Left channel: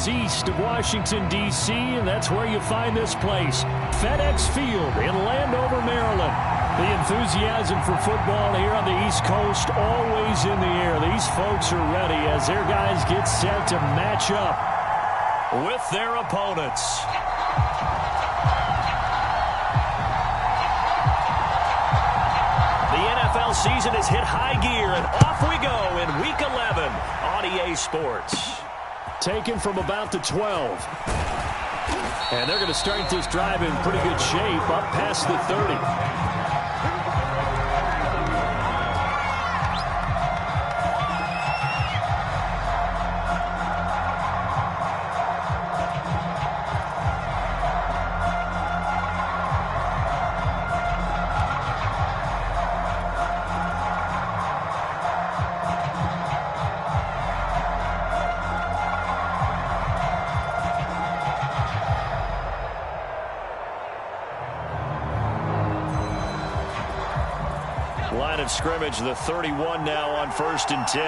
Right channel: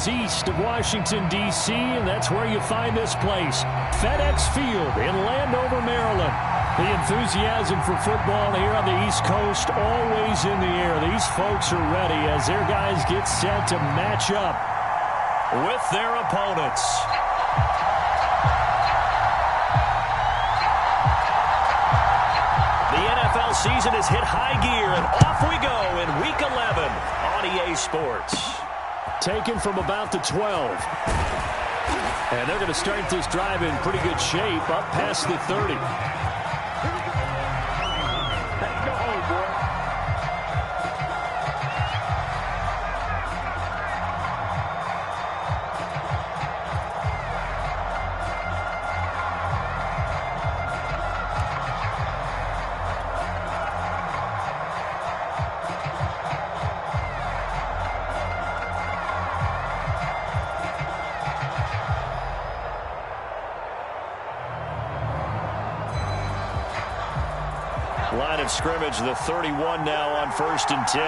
miles east of Washington, D.C., and that's where you find this place, FedEx Field in Landover, Maryland. The enthusiasm for football here on the East Coast always in the air. These folks are ready as their guys get set to match up with their opponents. The NFL season has hit high gear, and off we go in Week 11 on EA Sports. Taken from about the 12. And they're going to start this drive in pretty good shape, up past the 30. Line of scrimmage, the 31 now on 1st and 10.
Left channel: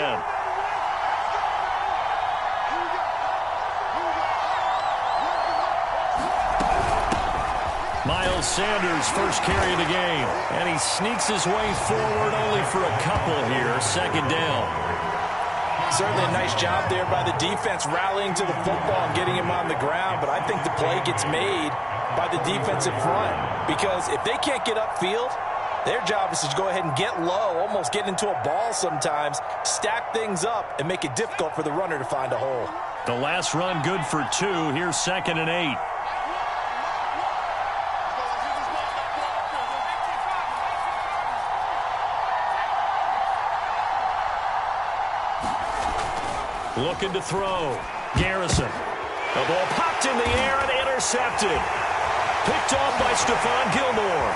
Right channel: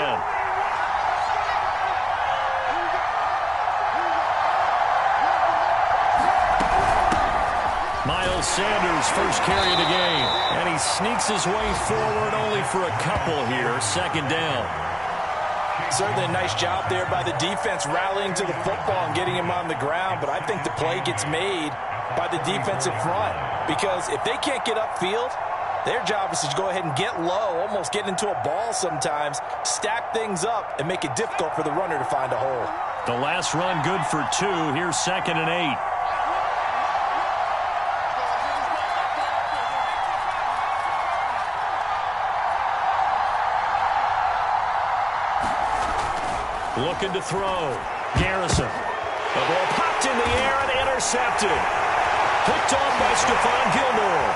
Miles Sanders, first carry of the game. And he sneaks his way forward only for a couple here. 2nd down. Certainly a nice job there by the defense rallying to the football and getting him on the ground. But I think the play gets made by the defensive front. Because if they can't get upfield, their job is to go ahead and get low, almost get into a ball sometimes, stack things up, and make it difficult for the runner to find a hole. The last run good for 2. Here's 2nd and 8. Looking to throw. Garrison. The ball popped in the air and intercepted. Picked off by Stephon Gilmore.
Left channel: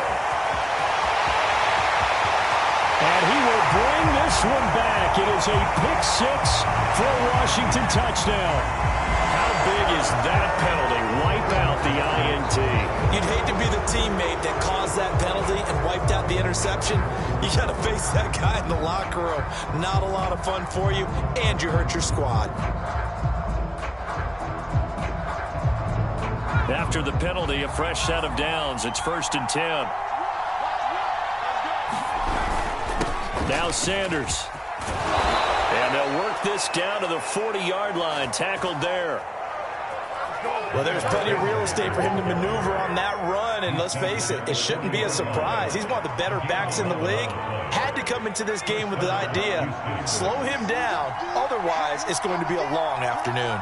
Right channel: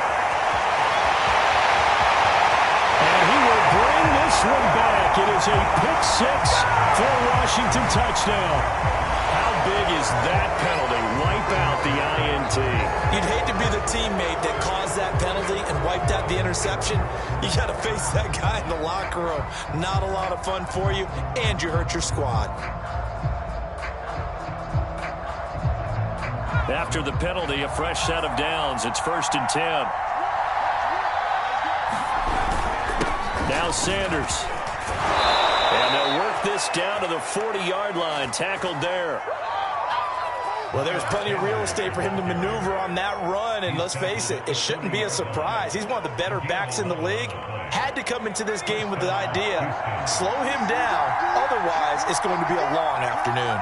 And he will bring this one back. It is a pick 6 for a Washington touchdown. How big is that penalty? Wipe out the INT. You'd hate to be the teammate that caused that penalty and wiped out the interception. You got to face that guy in the locker room. Not a lot of fun for you, and you hurt your squad. After the penalty, a fresh set of downs. It's 1st and 10. Now Sanders. And they'll work this down to the 40-yard line. Tackled there. Well, there's plenty of real estate for him to maneuver on that run. And let's face it, it shouldn't be a surprise. He's one of the better backs in the league. Had to come into this game with the idea, slow him down. Otherwise, it's going to be a long afternoon.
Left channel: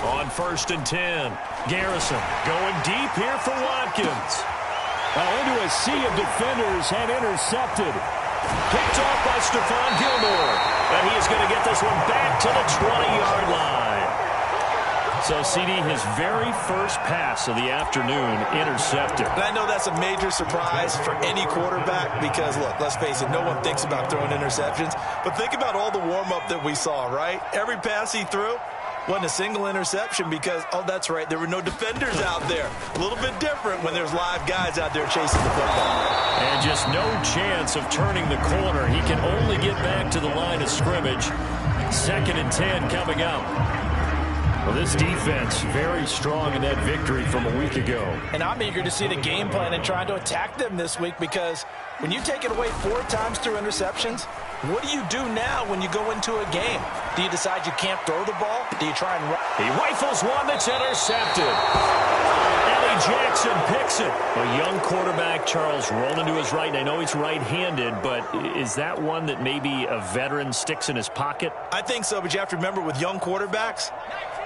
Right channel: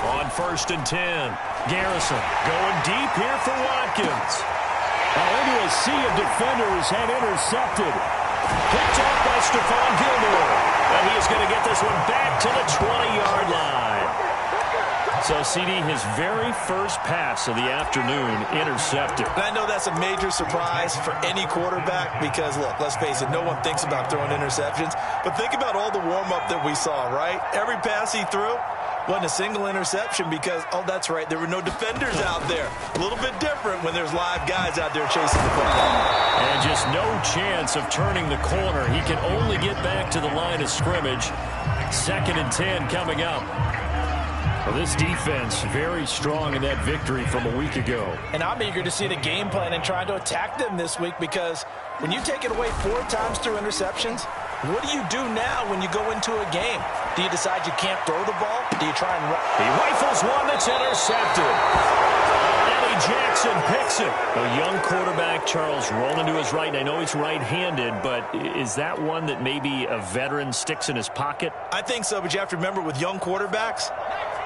On 1st and 10, Garrison going deep here for Watkins. Into a sea of defenders and intercepted. Picked off by Stephon Gilmore. And he is going to get this one back to the 20-yard line. So, CD, his very first pass of the afternoon intercepted. And I know that's a major surprise for any quarterback because, look, let's face it, no one thinks about throwing interceptions. But think about all the warm-up that we saw, right? Every pass he threw wasn't a single interception because, oh, that's right, there were no defenders out there. A little bit different when there's live guys out there chasing the football. And just no chance of turning the corner. He can only get back to the line of scrimmage. 2nd and 10 coming up. Well, this defense very strong in that victory from a week ago. And I'm eager to see the game plan and trying to attack them this week because when you take it away 4 times through interceptions, what do you do now when you go into a game? Do you decide you can't throw the ball? Do you try and run? He rifles one that's intercepted. Eddie Jackson picks it. A young quarterback, Charles, rolling to his right. And I know he's right-handed, but is that one that maybe a veteran sticks in his pocket? I think so, but you have to remember with young quarterbacks,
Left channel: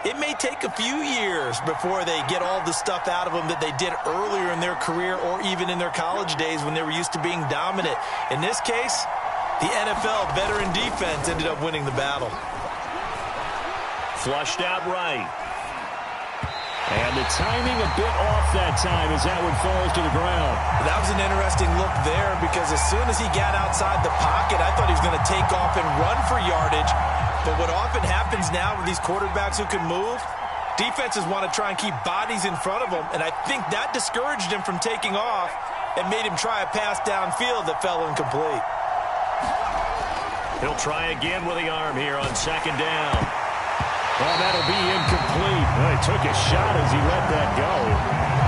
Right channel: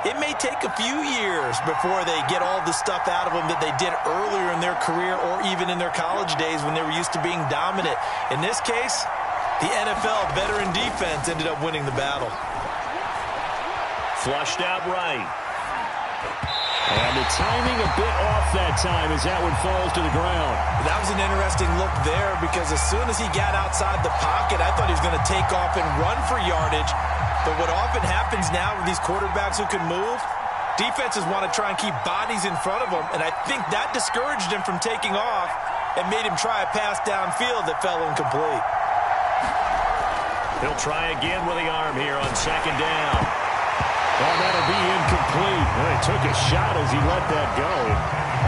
it may take a few years before they get all the stuff out of them that they did earlier in their career or even in their college days when they were used to being dominant. In this case, the NFL veteran defense ended up winning the battle. Flushed out right. And the timing a bit off that time as that one falls to the ground. That was an interesting look there because as soon as he got outside the pocket, I thought he was going to take off and run for yardage. But what often happens now with these quarterbacks who can move, Defenses want to try and keep bodies in front of them, and I think that discouraged him from taking off and made him try a pass downfield that fell incomplete. He'll try again with the arm here on second down. Oh, that'll be incomplete. He took a shot as he let that go,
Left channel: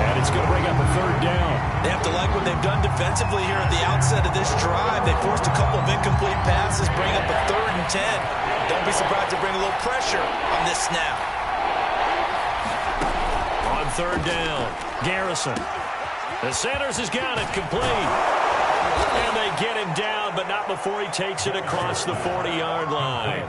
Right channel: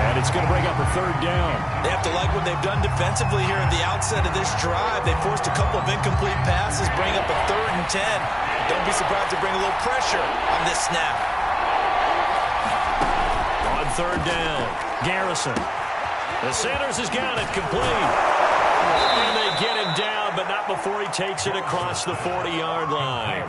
and it's going to bring up a third down. They have to like what they've done defensively here at the outset of this drive. They forced a couple of incomplete passes, bring up a 3rd and 10. Don't be surprised to bring a little pressure on this snap. On third down, Garrison. The Sanders has got it complete. And they get him down, but not before he takes it across the 40-yard line.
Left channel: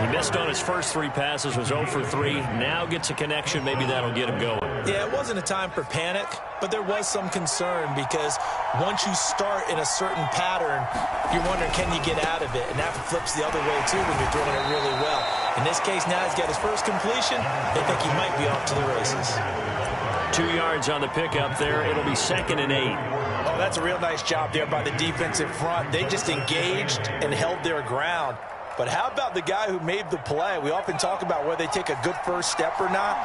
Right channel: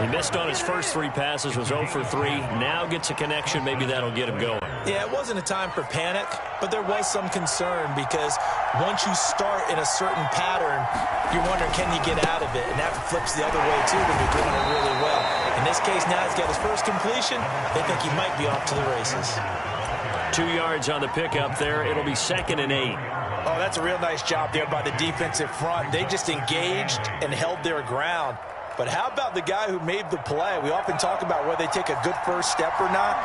He missed on his first 3 passes, was 0 for 3. Now gets a connection. Maybe that'll get him going. Yeah, it wasn't a time for panic, but there was some concern because once you start in a certain pattern, you're wondering, can you get out of it? And that flips the other way, too, when you're doing it really well. In this case, now he's got his first completion. They think he might be off to the races. 2 yards on the pickup there. It'll be 2nd and 8. Oh, that's a real nice job there by the defensive front. They just engaged and held their ground. But how about the guy who made the play? We often talk about whether they take a good first step or not.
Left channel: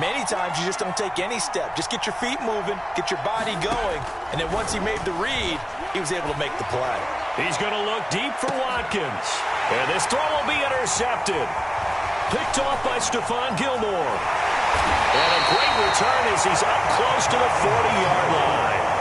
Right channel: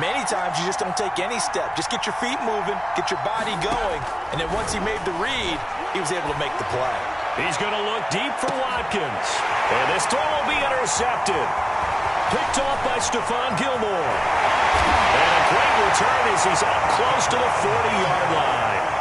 Many times you just don't take any step. Just get your feet moving, get your body going, and then once he made the read, he was able to make the play. He's going to look deep for Watkins. And this throw will be intercepted. Picked off by Stephon Gilmore. And a great return as he's up close to the 40-yard line.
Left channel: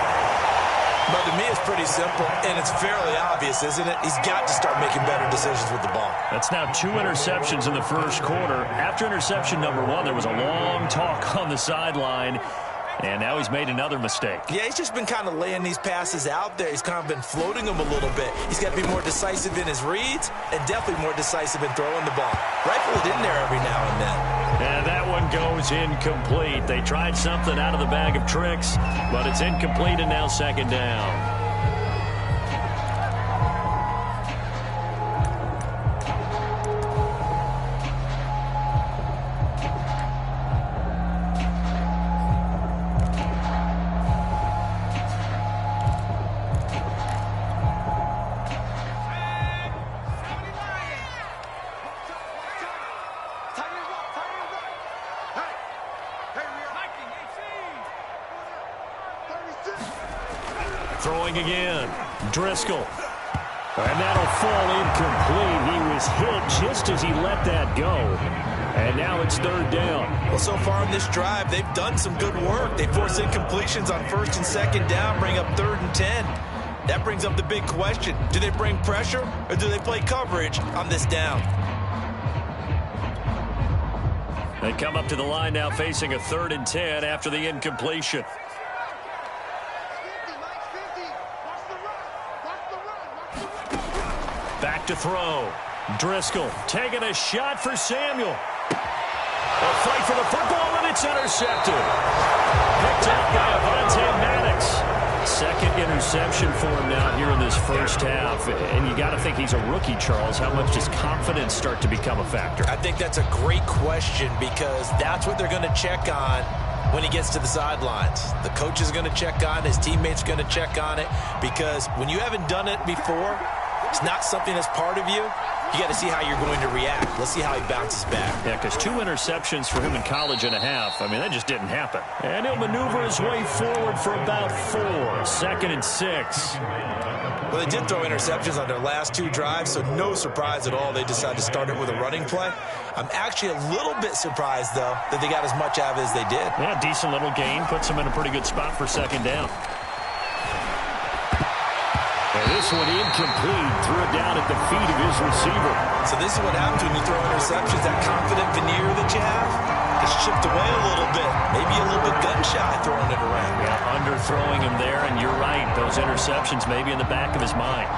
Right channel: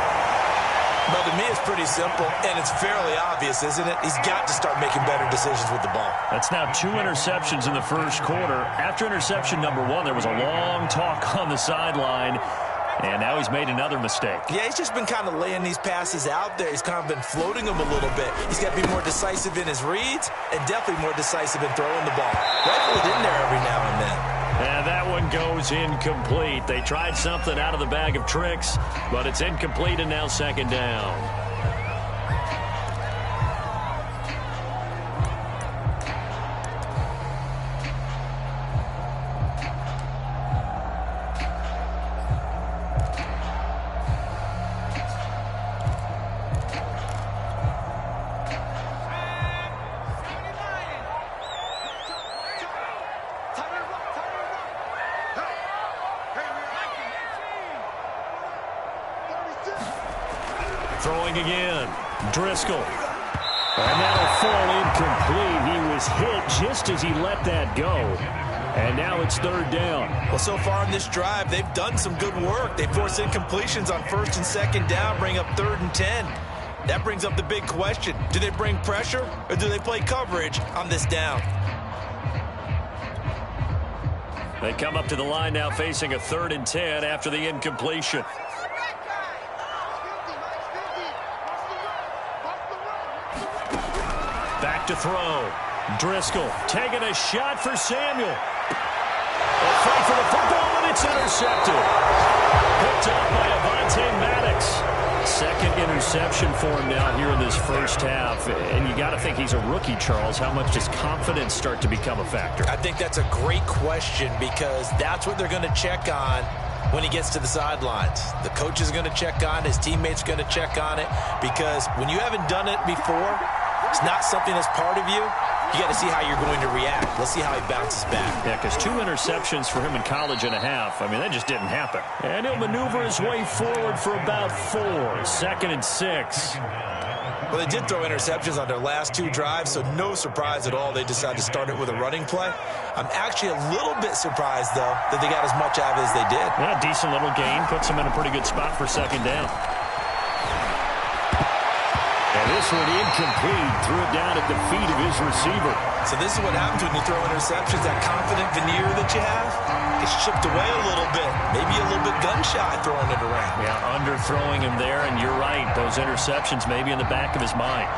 But to me, it's pretty simple, and it's fairly obvious, isn't it? He's got to start making better decisions with the ball. That's now 2 interceptions in the first quarter. After interception number 1, there was a long talk on the sideline, and now he's made another mistake. Yeah, he's just been kind of laying these passes out there. He's kind of been floating them a little bit. He's got to be more decisive in his reads and definitely more decisive in throwing the ball. Rifle it in there every now and then. And that one goes incomplete. They tried something out of the bag of tricks, but it's incomplete and now 2nd down. Throwing again, Driscoll. And that'll fall incomplete. He was hit just as he let that go. And now it's 3rd down. Well, so far in this drive, they've done some good work. They force incompletions on 1st and 2nd down, bring up 3rd and 10. That brings up the big question. Do they bring pressure or do they play coverage on this down? They come up to the line now facing a 3rd and 10 after the incompletion. Back to throw. Driscoll taking a shot for Samuel. A fight for the football, and it's intercepted. Picked up by Avonte Maddox. 2nd interception for him now here in this first half. And you got to think he's a rookie, Charles. How much does confidence start to become a factor? I think that's a great question because that's what they're going to check on when he gets to the sidelines. The coach is going to check on it. His teammates are going to check on it because when you haven't done it before, it's not something that's part of you. You got to see how you're going to react. Let's see how he bounces back. Yeah, because 2 interceptions for him in college and a half. I mean, that just didn't happen. And he'll maneuver his way forward for about 4. 2nd and 6. Well, they did throw interceptions on their last 2 drives, so no surprise at all they decided to start it with a running play. I'm actually a little bit surprised, though, that they got as much out of it as they did. Yeah, decent little gain. Puts them in a pretty good spot for 2nd down. And this one incomplete. Threw it down at the feet of his receiver. So this is what happens when you throw interceptions. That confident veneer that you have gets chipped away a little bit. Maybe a little bit gun-shy throwing it around. Yeah, underthrowing him there, and you're right. Those interceptions may be in the back of his mind.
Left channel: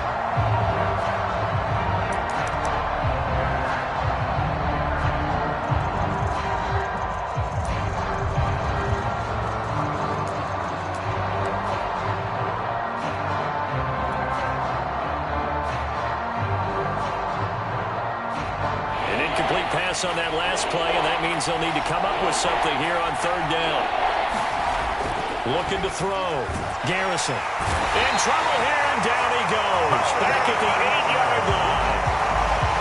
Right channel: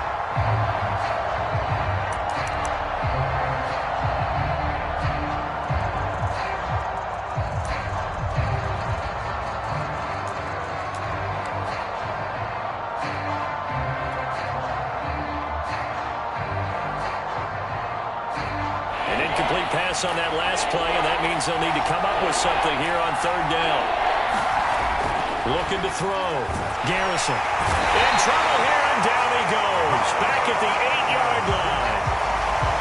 Incomplete pass on that last play, and that means they'll need to come up with something here on 3rd down. Looking to throw. Garrison in trouble here, and down he goes. Back at the 8-yard line.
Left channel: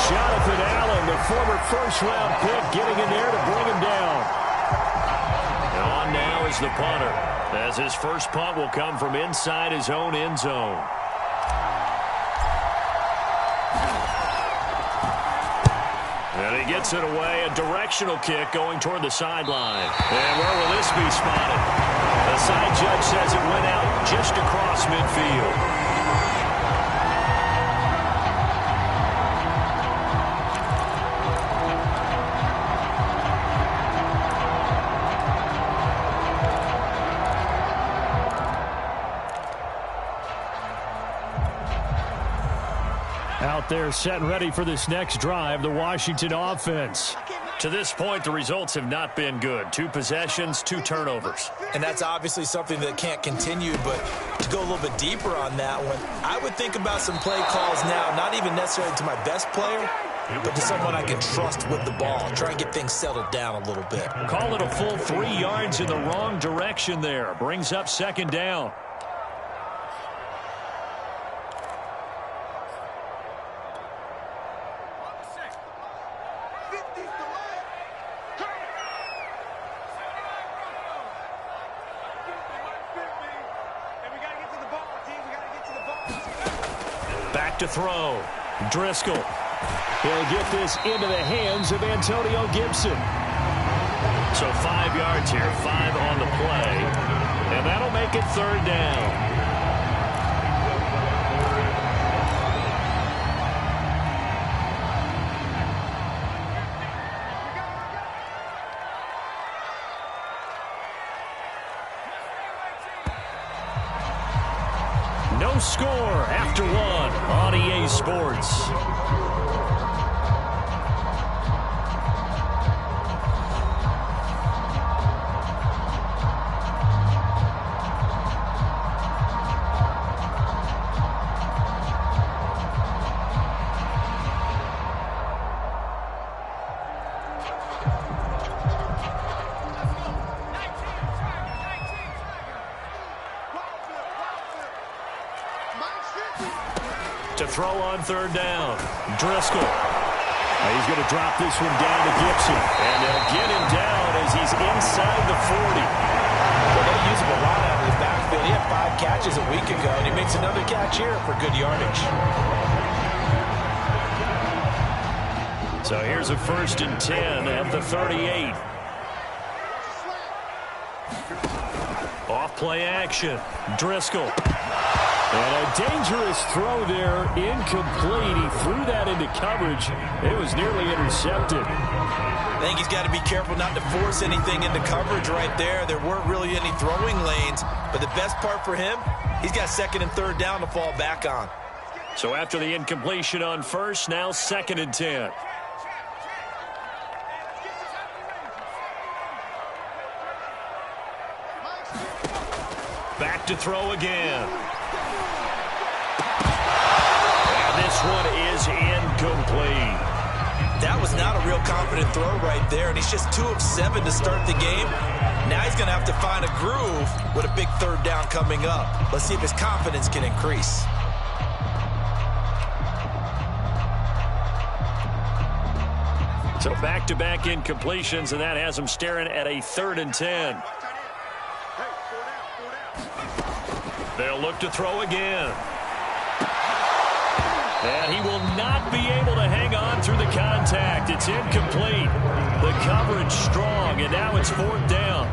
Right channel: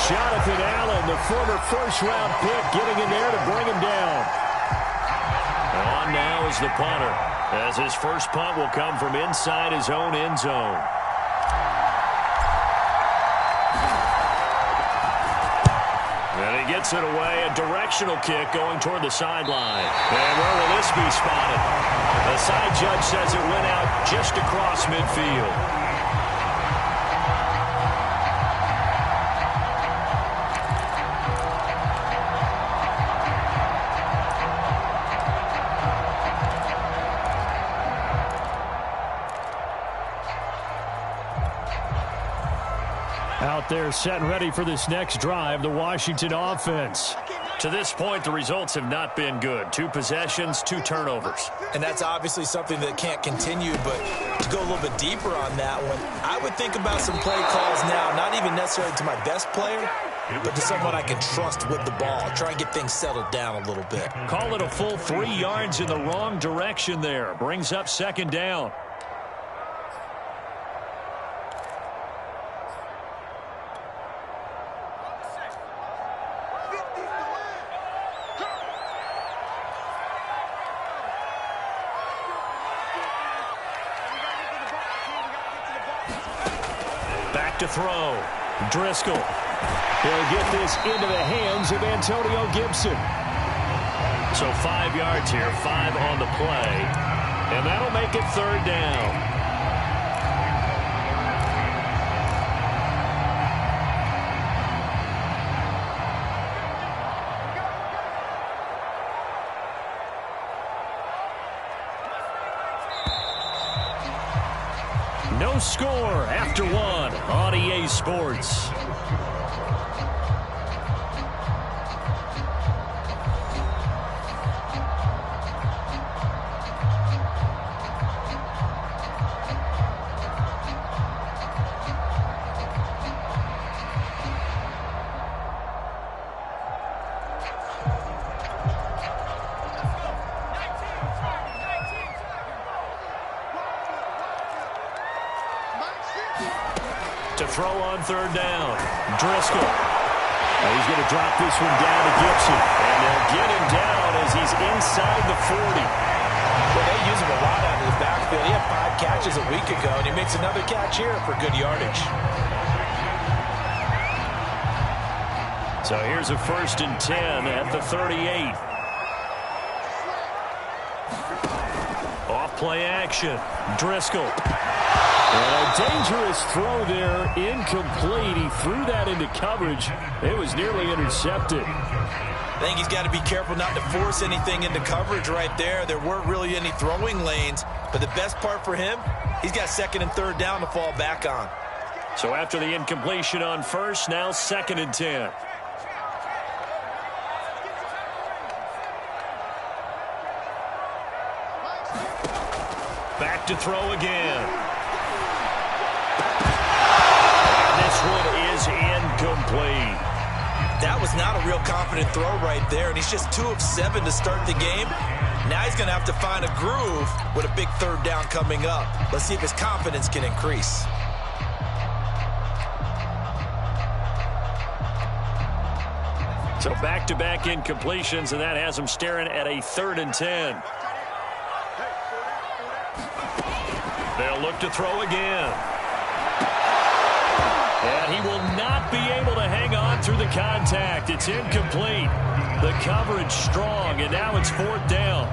Jonathan Allen, the former first-round pick, getting in there to bring him down. And on now is the punter, as his first punt will come from inside his own end zone. And he gets it away, a directional kick going toward the sideline. And where will this be spotted? The side judge says it went out just across midfield. Out there set and ready for this next drive, the Washington offense. To this point, the results have not been good. 2 possessions, 2 turnovers. And that's obviously something that can't continue, but to go a little bit deeper on that one, I would think about some play calls now, not even necessarily to my best player, but to someone I can trust with the ball. Try and get things settled down a little bit. Call it a full 3 yards in the wrong direction there. Brings up 2nd down. Back to throw. Driscoll. He'll get this into the hands of Antonio Gibson. So 5 yards here, 5 on the play. And that'll make it 3rd down. No score after 1 on EA Sports. To throw on 3rd down. Driscoll. He's going to drop this one down to Gibson. And they'll get him down as he's inside the 40. Well, they use him a lot out of the backfield. He had 5 catches a week ago, and he makes another catch here for good yardage. So here's a 1st and 10 at the 38. Off play action. Driscoll. And a dangerous throw there, incomplete. He threw that into coverage. It was nearly intercepted. I think he's got to be careful not to force anything into coverage right there. There weren't really any throwing lanes, but the best part for him, he's got 2nd and 3rd down to fall back on. So after the incompletion on 1st, now 2nd and 10. Back to throw again. This one is incomplete. That was not a real confident throw right there, and he's just 2 of 7 to start the game. Now he's going to have to find a groove with a big 3rd down coming up. Let's see if his confidence can increase. So back-to-back incompletions, and that has him staring at a 3rd and 10. They'll look to throw again. And he will not be able to hang on through the contact. It's incomplete. The coverage strong, and now it's 4th down.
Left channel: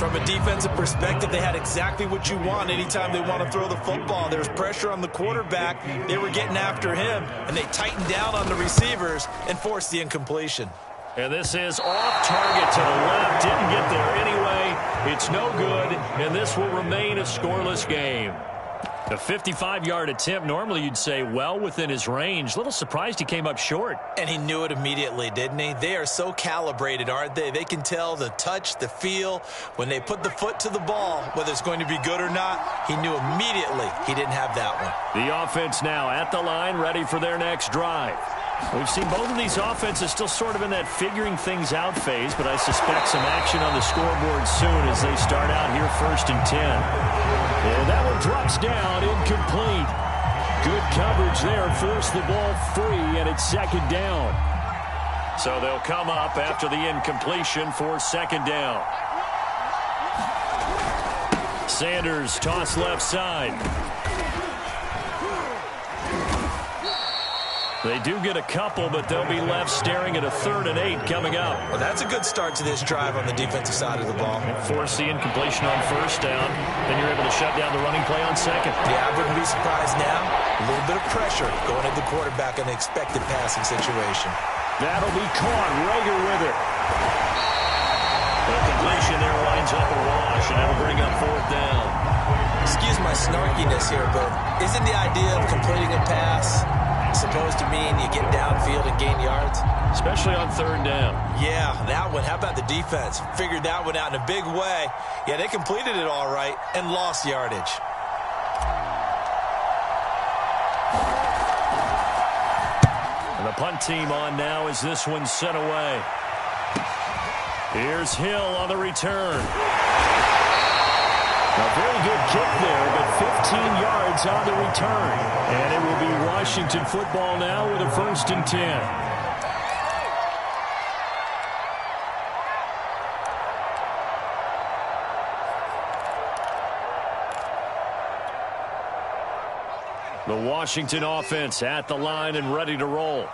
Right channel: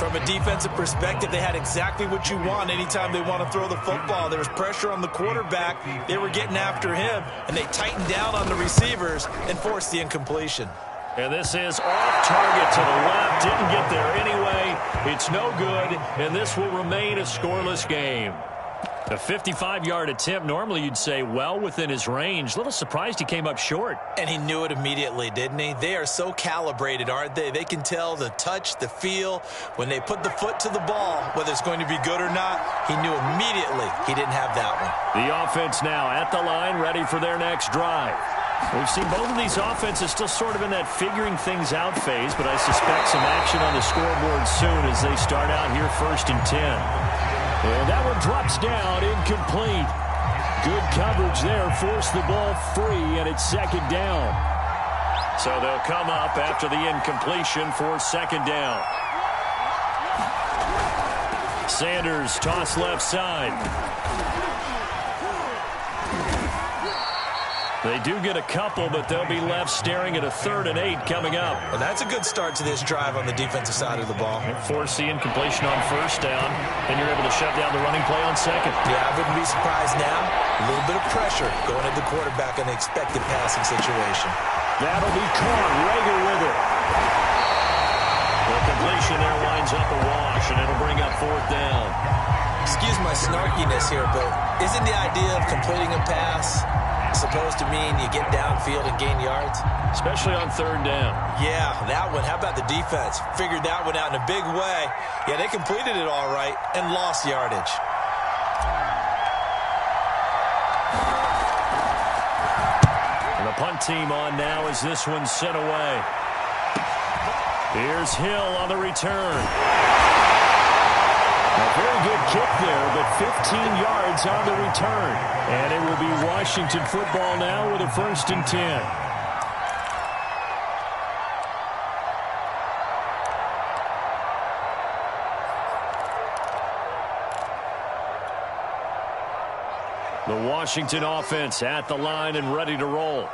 From a defensive perspective, they had exactly what you want anytime they want to throw the football. There was pressure on the quarterback. They were getting after him, and they tightened down on the receivers and forced the incompletion. And this is off target to the left. Didn't get there anyway. It's no good, and this will remain a scoreless game. A 55-yard attempt, normally you'd say well within his range. Little surprised he came up short. And he knew it immediately, didn't he? They are so calibrated, aren't they? They can tell the touch, the feel. When they put the foot to the ball, whether it's going to be good or not, he knew immediately he didn't have that one. The offense now at the line, ready for their next drive. We've seen both of these offenses still sort of in that figuring things out phase, but I suspect some action on the scoreboard soon as they start out here 1st and 10. And that one drops down, incomplete. Good coverage there. Forced the ball free, and it's second down. So they'll come up after the incompletion for second down. Sanders toss left side. They do get a couple, but they'll be left staring at a 3rd and 8 coming up. Well, that's a good start to this drive on the defensive side of the ball. Force the incompletion on first down. Then you're able to shut down the running play on second. Yeah, I wouldn't be surprised now. A little bit of pressure going at the quarterback in the expected passing situation. That'll be caught. Rager with it. The completion there winds up a wash, and it'll bring up 4th down. Excuse my snarkiness here, but isn't the idea of completing a pass supposed to mean you get downfield and gain yards? Especially on 3rd down. Yeah, that one. How about the defense? Figured that one out in a big way. Yeah, they completed it all right and lost yardage. And the punt team on now as this one's sent away. Here's Hill on the return. A very good kick there, but 15 yards on the return. And it will be Washington football now with a 1st and 10. The Washington offense at the line and ready to roll.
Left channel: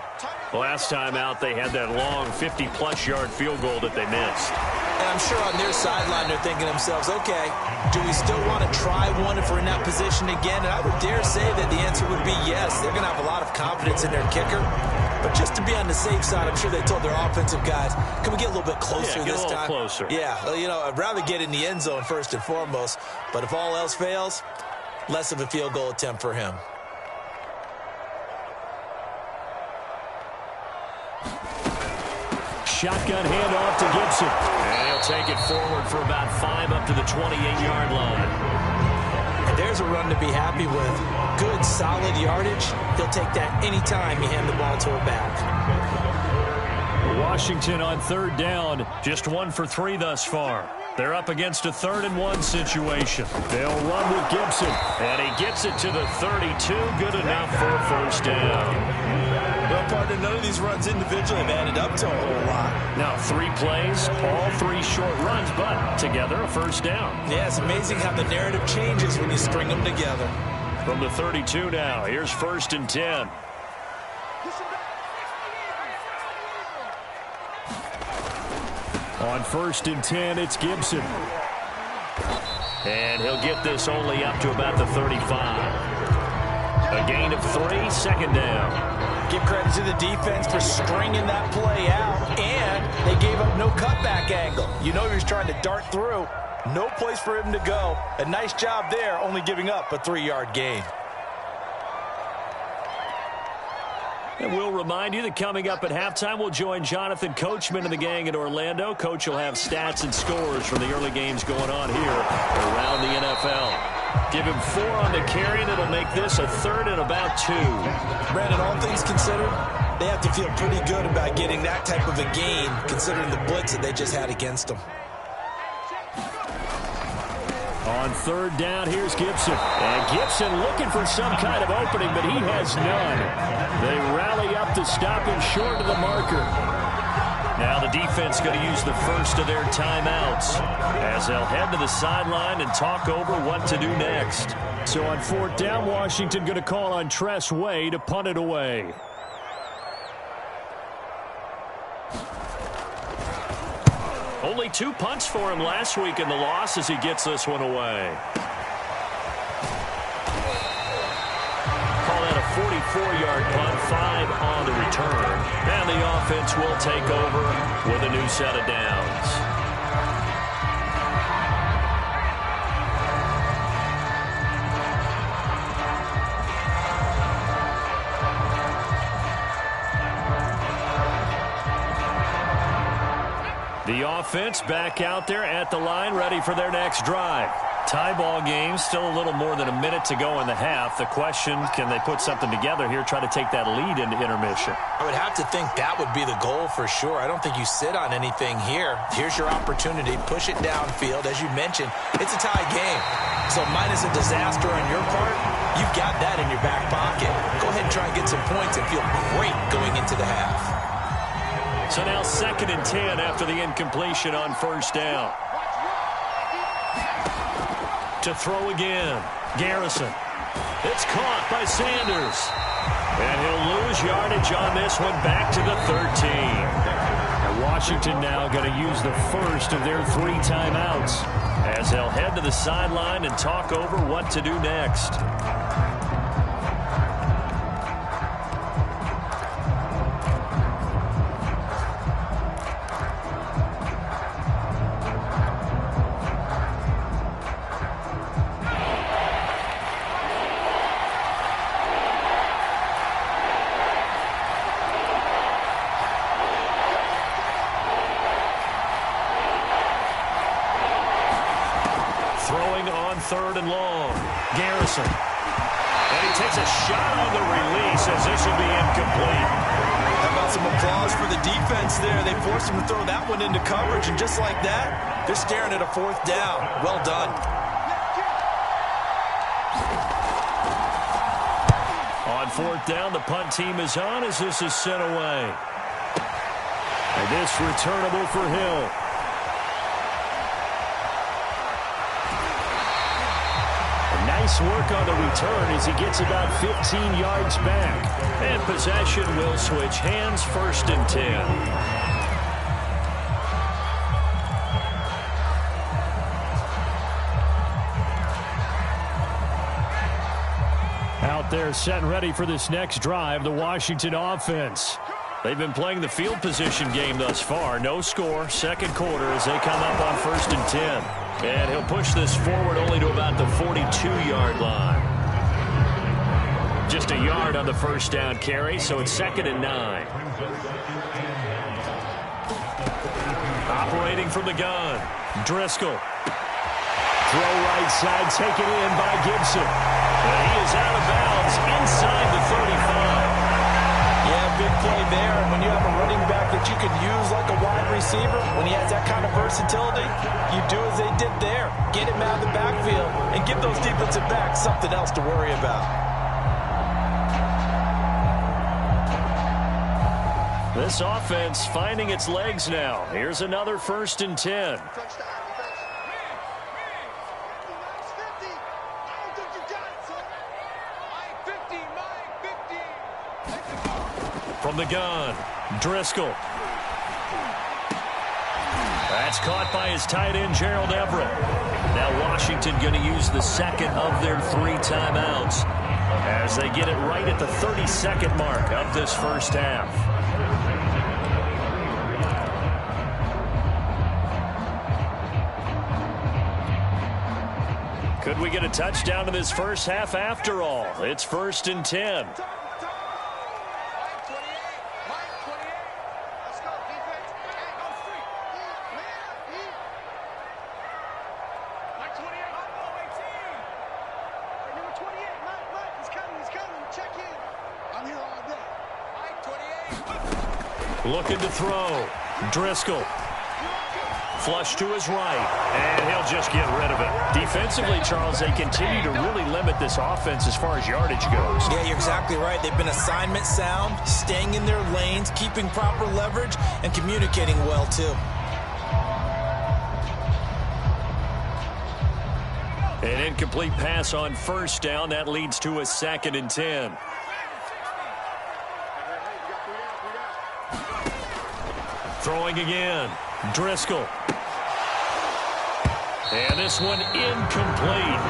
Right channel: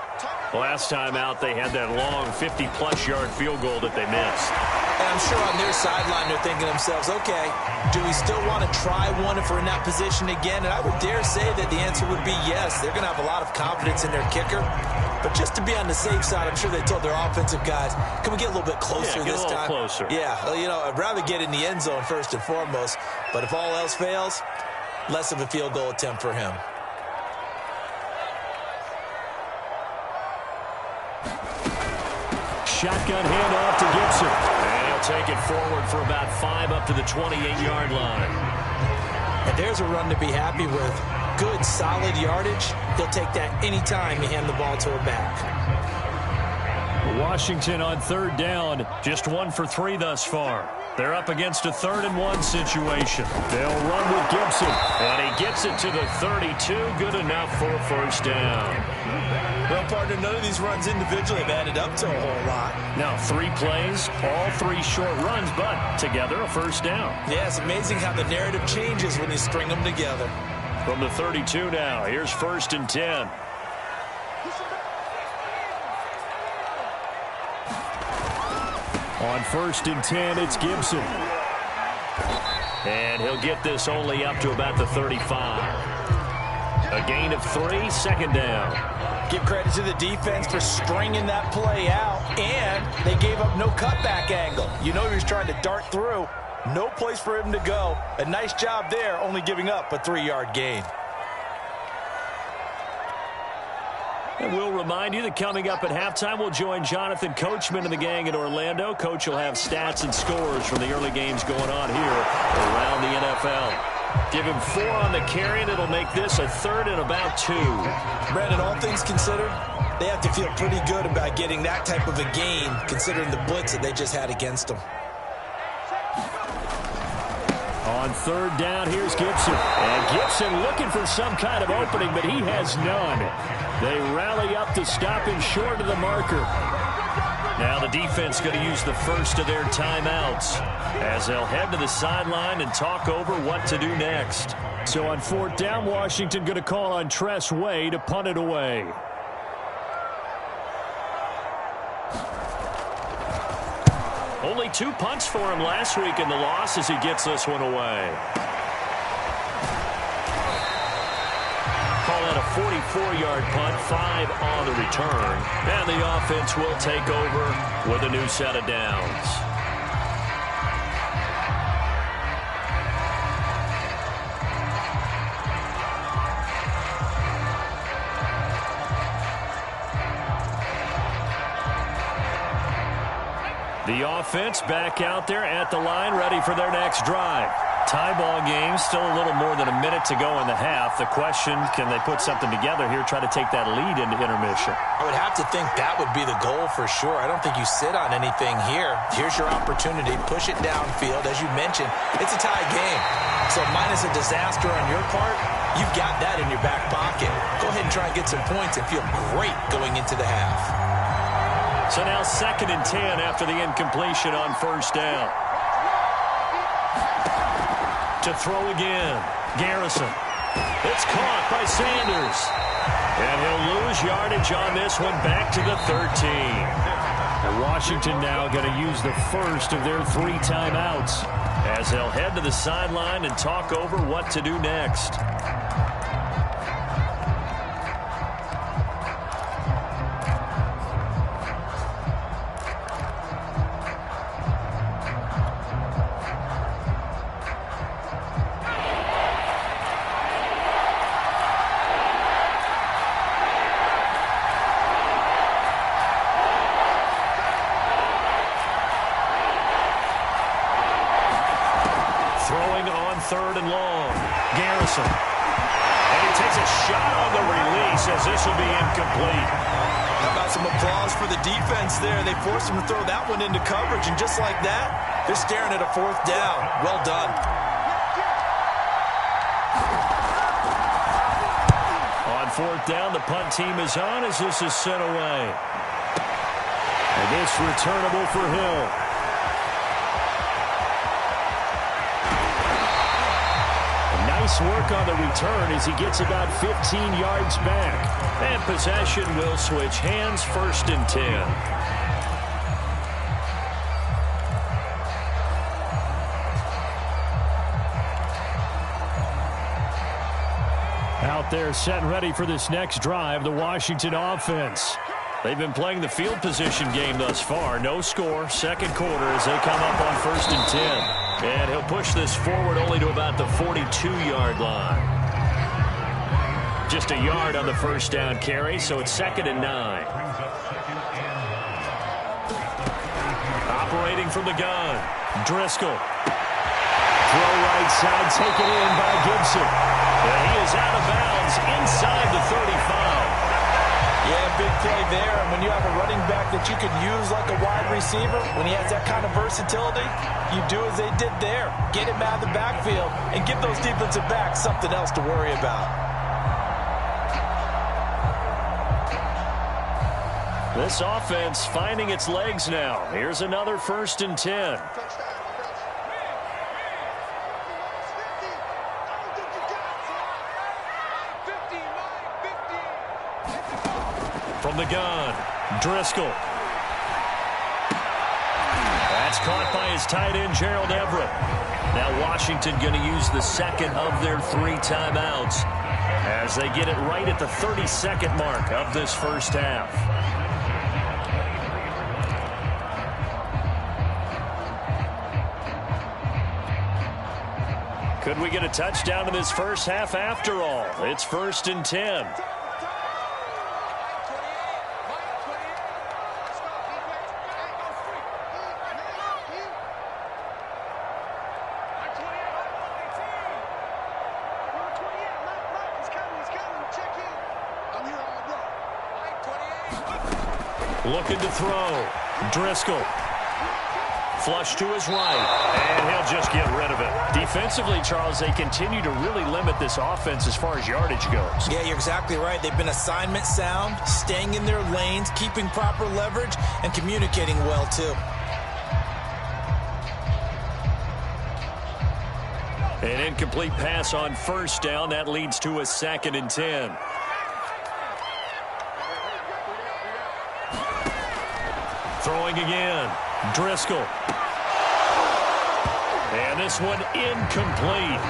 Last time out, they had that long 50-plus yard field goal that they missed. And I'm sure on their sideline they're thinking to themselves, okay, do we still want to try one if we're in that position again? And I would dare say that the answer would be yes. They're going to have a lot of confidence in their kicker. But just to be on the safe side, I'm sure they told their offensive guys, can we get a little bit closer this time? Closer. Yeah, well, you know, I'd rather get in the end zone first and foremost. But if all else fails, less of a field goal attempt for him. Shotgun handoff to Gibson. And he'll take it forward for about 5 up to the 28-yard line. And there's a run to be happy with. Good, solid yardage. He'll take that anytime you hand the ball to a back. Washington on 3rd down. Just 1 for 3 thus far. They're up against a 3rd and 1 situation. They'll run with Gibson. And he gets it to the 32. Good enough for a 1st down. Well, partner, none of these runs individually have added up to a whole lot. Now 3 plays, all 3 short runs, but together a 1st down. Yeah, it's amazing how the narrative changes when you string them together. From the 32 now, here's 1st and 10. On 1st and 10, it's Gibson. And he'll get this only up to about the 35. A gain of 3, 2nd down. Give credit to the defense for stringing that play out, and they gave up no cutback angle. You know he was trying to dart through. No place for him to go. A nice job there, only giving up a 3-yard gain. And we'll remind you that coming up at halftime, we'll join Jonathan Coachman and the gang in Orlando. Coach will have stats and scores from the early games going on here around the NFL. Give him 4 on the carry, and it'll make this a 3rd and about 2. Brandon, all things considered, they have to feel pretty good about getting that type of a gain, considering the blitz that they just had against them. On 3rd down, here's Gibson. And Gibson looking for some kind of opening, but he has none. They rally up to stop him short of the marker. Now the defense going to use the first of their timeouts as they'll head to the sideline and talk over what to do next. So on 4th down, Washington going to call on Tress Way to punt it away. Only 2 punts for him last week in the loss as he gets this one away. Call that a 44-yard punt, 5 on the return. And the offense will take over with a new set of downs. The offense back out there at the line, ready for their next drive. Tie ball game, still a little more than a minute to go in the half. The question, can they put something together here, try to take that lead into intermission? I would have to think that would be the goal for sure. I don't think you sit on anything here. Here's your opportunity. Push it downfield. As you mentioned, it's a tie game. So minus a disaster on your part, you've got that in your back pocket. Go ahead and try and get some points and feel great going into the half. So now 2nd and 10 after the incompletion on 1st down. To throw again, Garrison. It's caught by Sanders. And he'll lose yardage on this one, back to the 13. And Washington now going to use the first of their 3 timeouts as they'll head to the sideline and talk over what to do next. Throwing on 3rd and long. Garrison. And he takes a shot on the release as this will be incomplete. How about some applause for the defense there? They forced him to throw that one into coverage, and just like that, they're staring at a 4th down. Well done. On 4th down, the punt team is on as this is sent away. And this returnable for Hill. Nice work on the return as he gets about 15 yards back. And possession will switch hands, 1st and 10. Out there set and ready for this next drive, the Washington offense. They've been playing the field position game thus far. No score, 2nd quarter as they come up on 1st and 10. And he'll push this forward only to about the 42-yard line. Just a yard on the 1st down carry, so it's 2nd and 9. Operating from the gun, Driscoll. Throw right side, taken in by Gibson. And he is out of bounds inside the 35. Yeah, big play there. And when you have a running back that you can use like a wide receiver, when he has that kind of versatility, you do as they did there. Get him out of the backfield and give those defensive backs something else to worry about. This offense finding its legs now. Here's another 1st and 10. From the gun, Driscoll. That's caught by his tight end, Gerald Everett. Now Washington going to use the 2nd of their 3 timeouts as they get it right at the 32nd mark of this 1st half. Could we get a touchdown in this 1st half after all? It's 1st and 10. Looking to throw. Driscoll. Flush to his right, and he'll just get rid of it. Defensively, Charles, they continue to really limit this offense as far as yardage goes. Yeah, you're exactly right. They've been assignment sound, staying in their lanes, keeping proper leverage, and communicating well, too. An incomplete pass on 1st down. That leads to a 2nd and 10. Throwing again. Driscoll. And this one incomplete.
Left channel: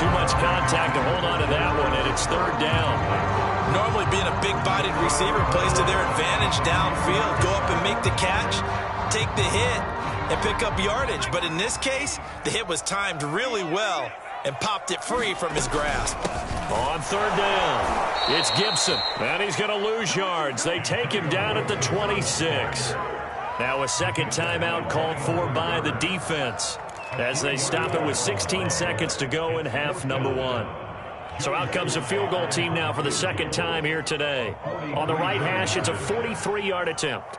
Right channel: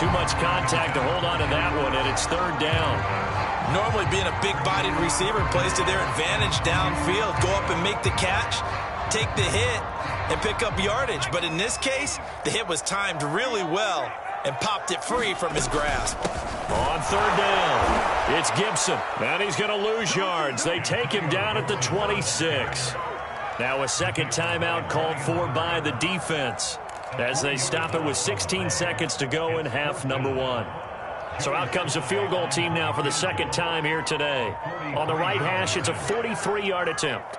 Too much contact to hold on to that one, and it's 3rd down. Normally being a big-bodied receiver plays to their advantage downfield. Go up and make the catch, take the hit, and pick up yardage. But in this case, the hit was timed really well and popped it free from his grasp. On 3rd down, it's Gibson, and he's going to lose yards. They take him down at the 26. Now a 2nd timeout called for by the defense as they stop it with 16 seconds to go in half number 1. So out comes the field goal team now for the 2nd time here today. On the right hash, it's a 43-yard attempt.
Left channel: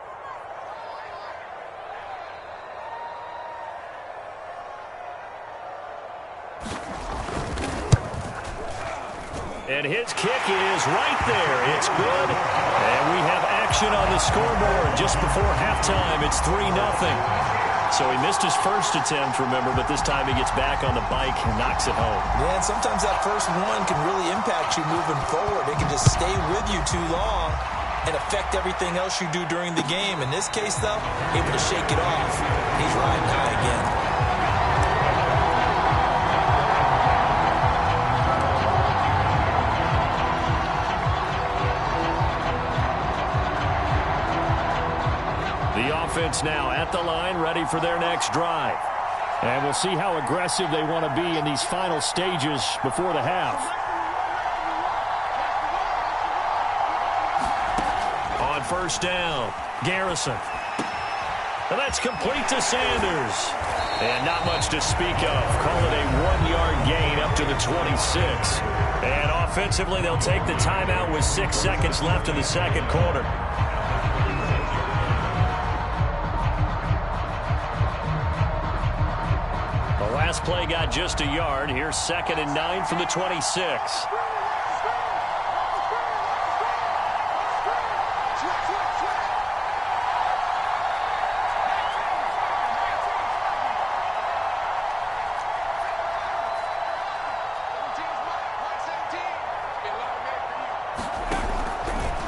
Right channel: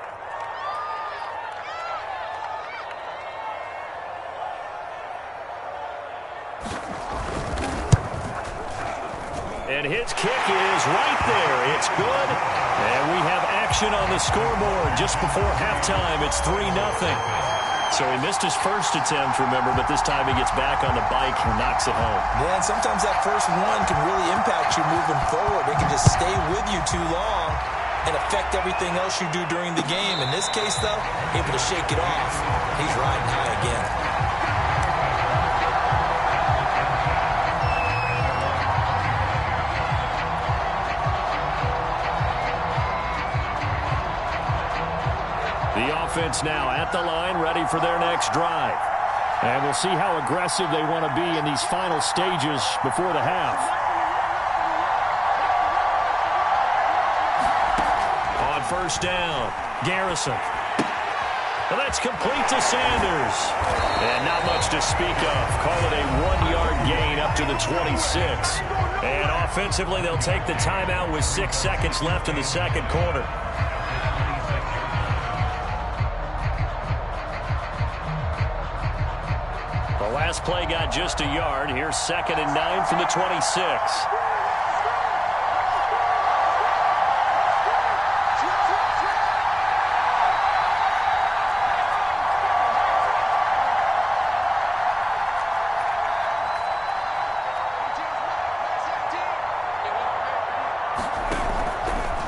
And his kick is right there. It's good. And we have action on the scoreboard just before halftime. It's 3-0. So he missed his first attempt, remember, but this time he gets back on the bike and knocks it home. Yeah, and sometimes that first one can really impact you moving forward. It can just stay with you too long and affect everything else you do during the game. In this case, though, able to shake it off. He's riding high again. The offense now at the line, ready for their next drive. And we'll see how aggressive they want to be in these final stages before the half. On first down, Garrison. And that's complete to Sanders. And not much to speak of. Call it a 1-yard gain up to the 26. And offensively, they'll take the timeout with 6 seconds left in the second quarter. Last play got just a yard. Here's 2nd and 9 from the 26.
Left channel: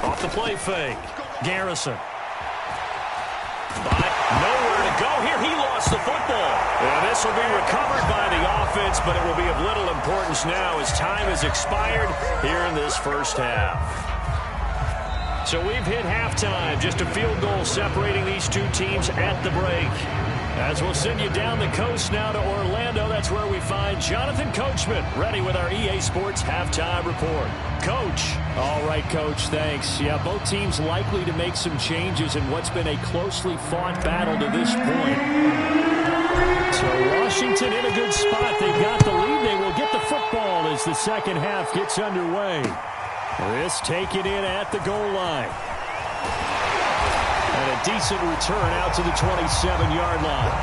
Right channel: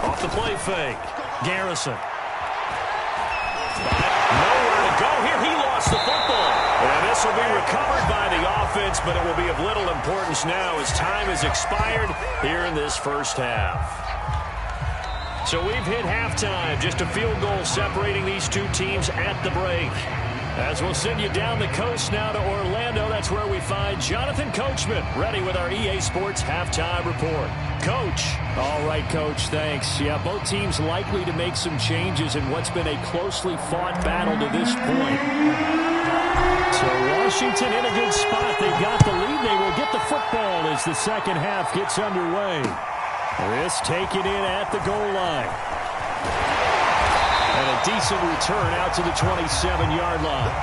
Off the play fake. Garrison. Nowhere to go here. He lost the football. And this will be recovered by the offense, but it will be of little importance now as time has expired here in this first half. So we've hit halftime. Just a field goal separating these two teams at the break. As we'll send you down the coast now to Orlando, that's where we find Jonathan Coachman, ready with our EA Sports halftime report. Coach. All right, Coach, thanks. Yeah, both teams likely to make some changes in what's been a closely fought battle to this point. So Washington in a good spot. They've got the lead. They will get the football as the second half gets underway. This taken in at the goal line. And a decent return out to the 27-yard line.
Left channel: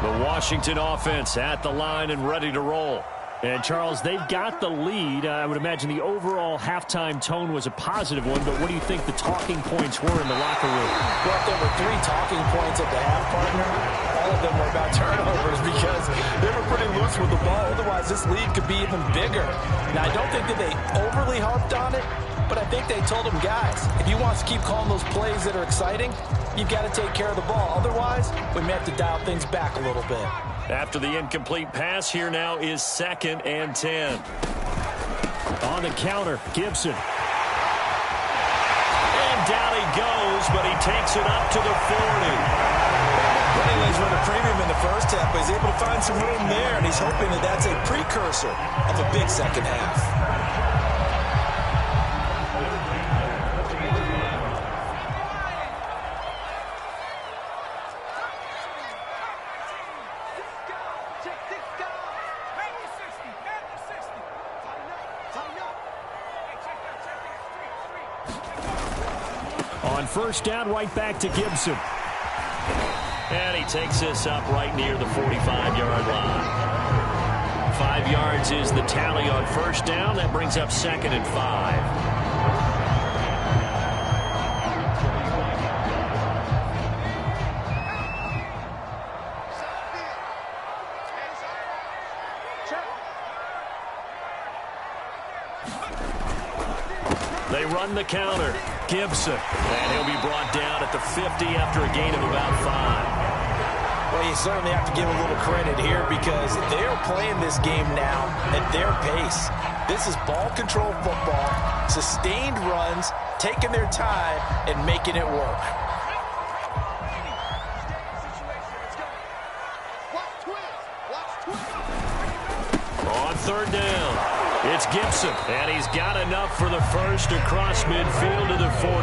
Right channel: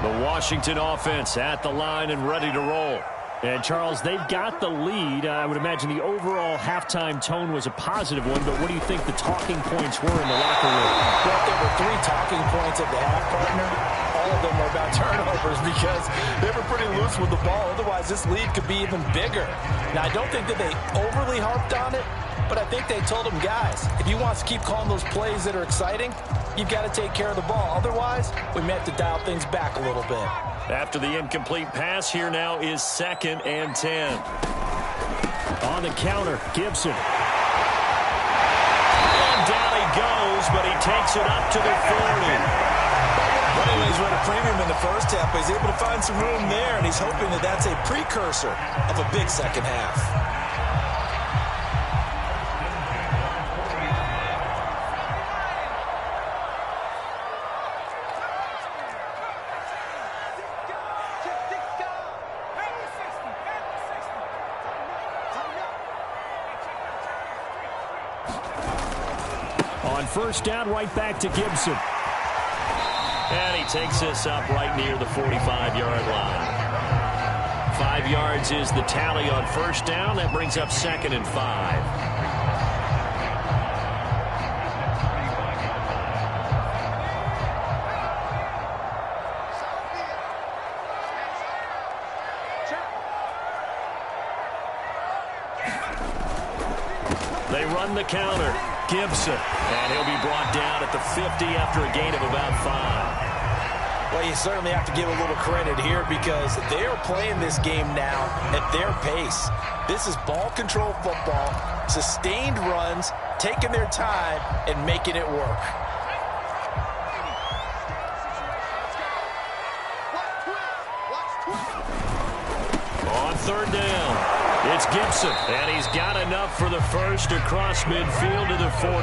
The Washington offense at the line and ready to roll. And, Charles, they've got the lead. I would imagine the overall halftime tone was a positive one, but what do you think the talking points were in the locker room? Well, there were 3 talking points at the half, partner. All of them were about turnovers because they were pretty loose with the ball. Otherwise, this lead could be even bigger. Now, I don't think that they overly harped on it, but I think they told them, guys, if you want to keep calling those plays that are exciting, you've got to take care of the ball. Otherwise, we may have to dial things back a little bit. After the incomplete pass, here now is 2nd and 10. On the counter, Gibson. And down he goes, but he takes it up to the 40. Running lanes run a premium in the first half, but he's able to find some room there, and he's hoping that that's a precursor of a big second half. On first down, right back to Gibson. And he takes this up right near the 45-yard line. 5 yards is the tally on first down. That brings up 2nd and 5. They run the counter. Gibson. And he'll be brought down at the 50 after a gain of about 5. Well, you certainly have to give a little credit here because they're playing this game now at their pace. This is ball control football, sustained runs, taking their time, and making it work. On third down. It's Gibson, and he's got enough for the first across midfield to the 48.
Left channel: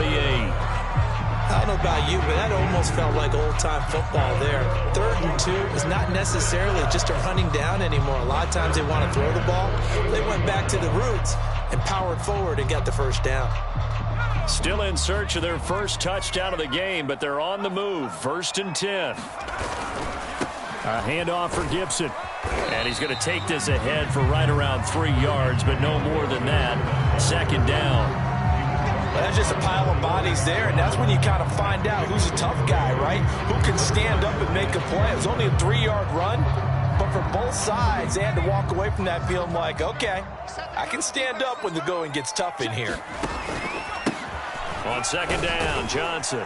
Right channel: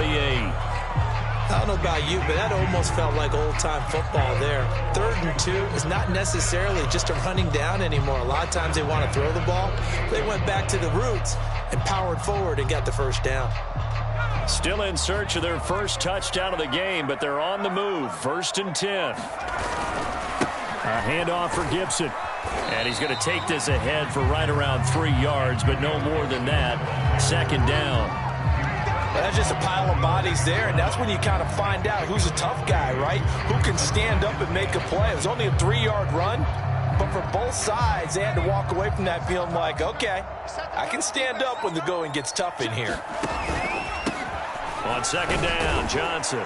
I don't know about you, but that almost felt like old-time football there. 3rd and 2 is not necessarily just a running down anymore. A lot of times they want to throw the ball. They went back to the roots and powered forward and got the first down. Still in search of their first touchdown of the game, but they're on the move. 1st and 10. A handoff for Gibson. And he's going to take this ahead for right around 3 yards, but no more than that. 2nd down. Well, that's just a pile of bodies there, and that's when you kind of find out who's a tough guy, right? Who can stand up and make a play. It was only a 3-yard run, but for both sides, they had to walk away from that feeling like, okay, I can stand up when the going gets tough in here. On 2nd down, Johnson.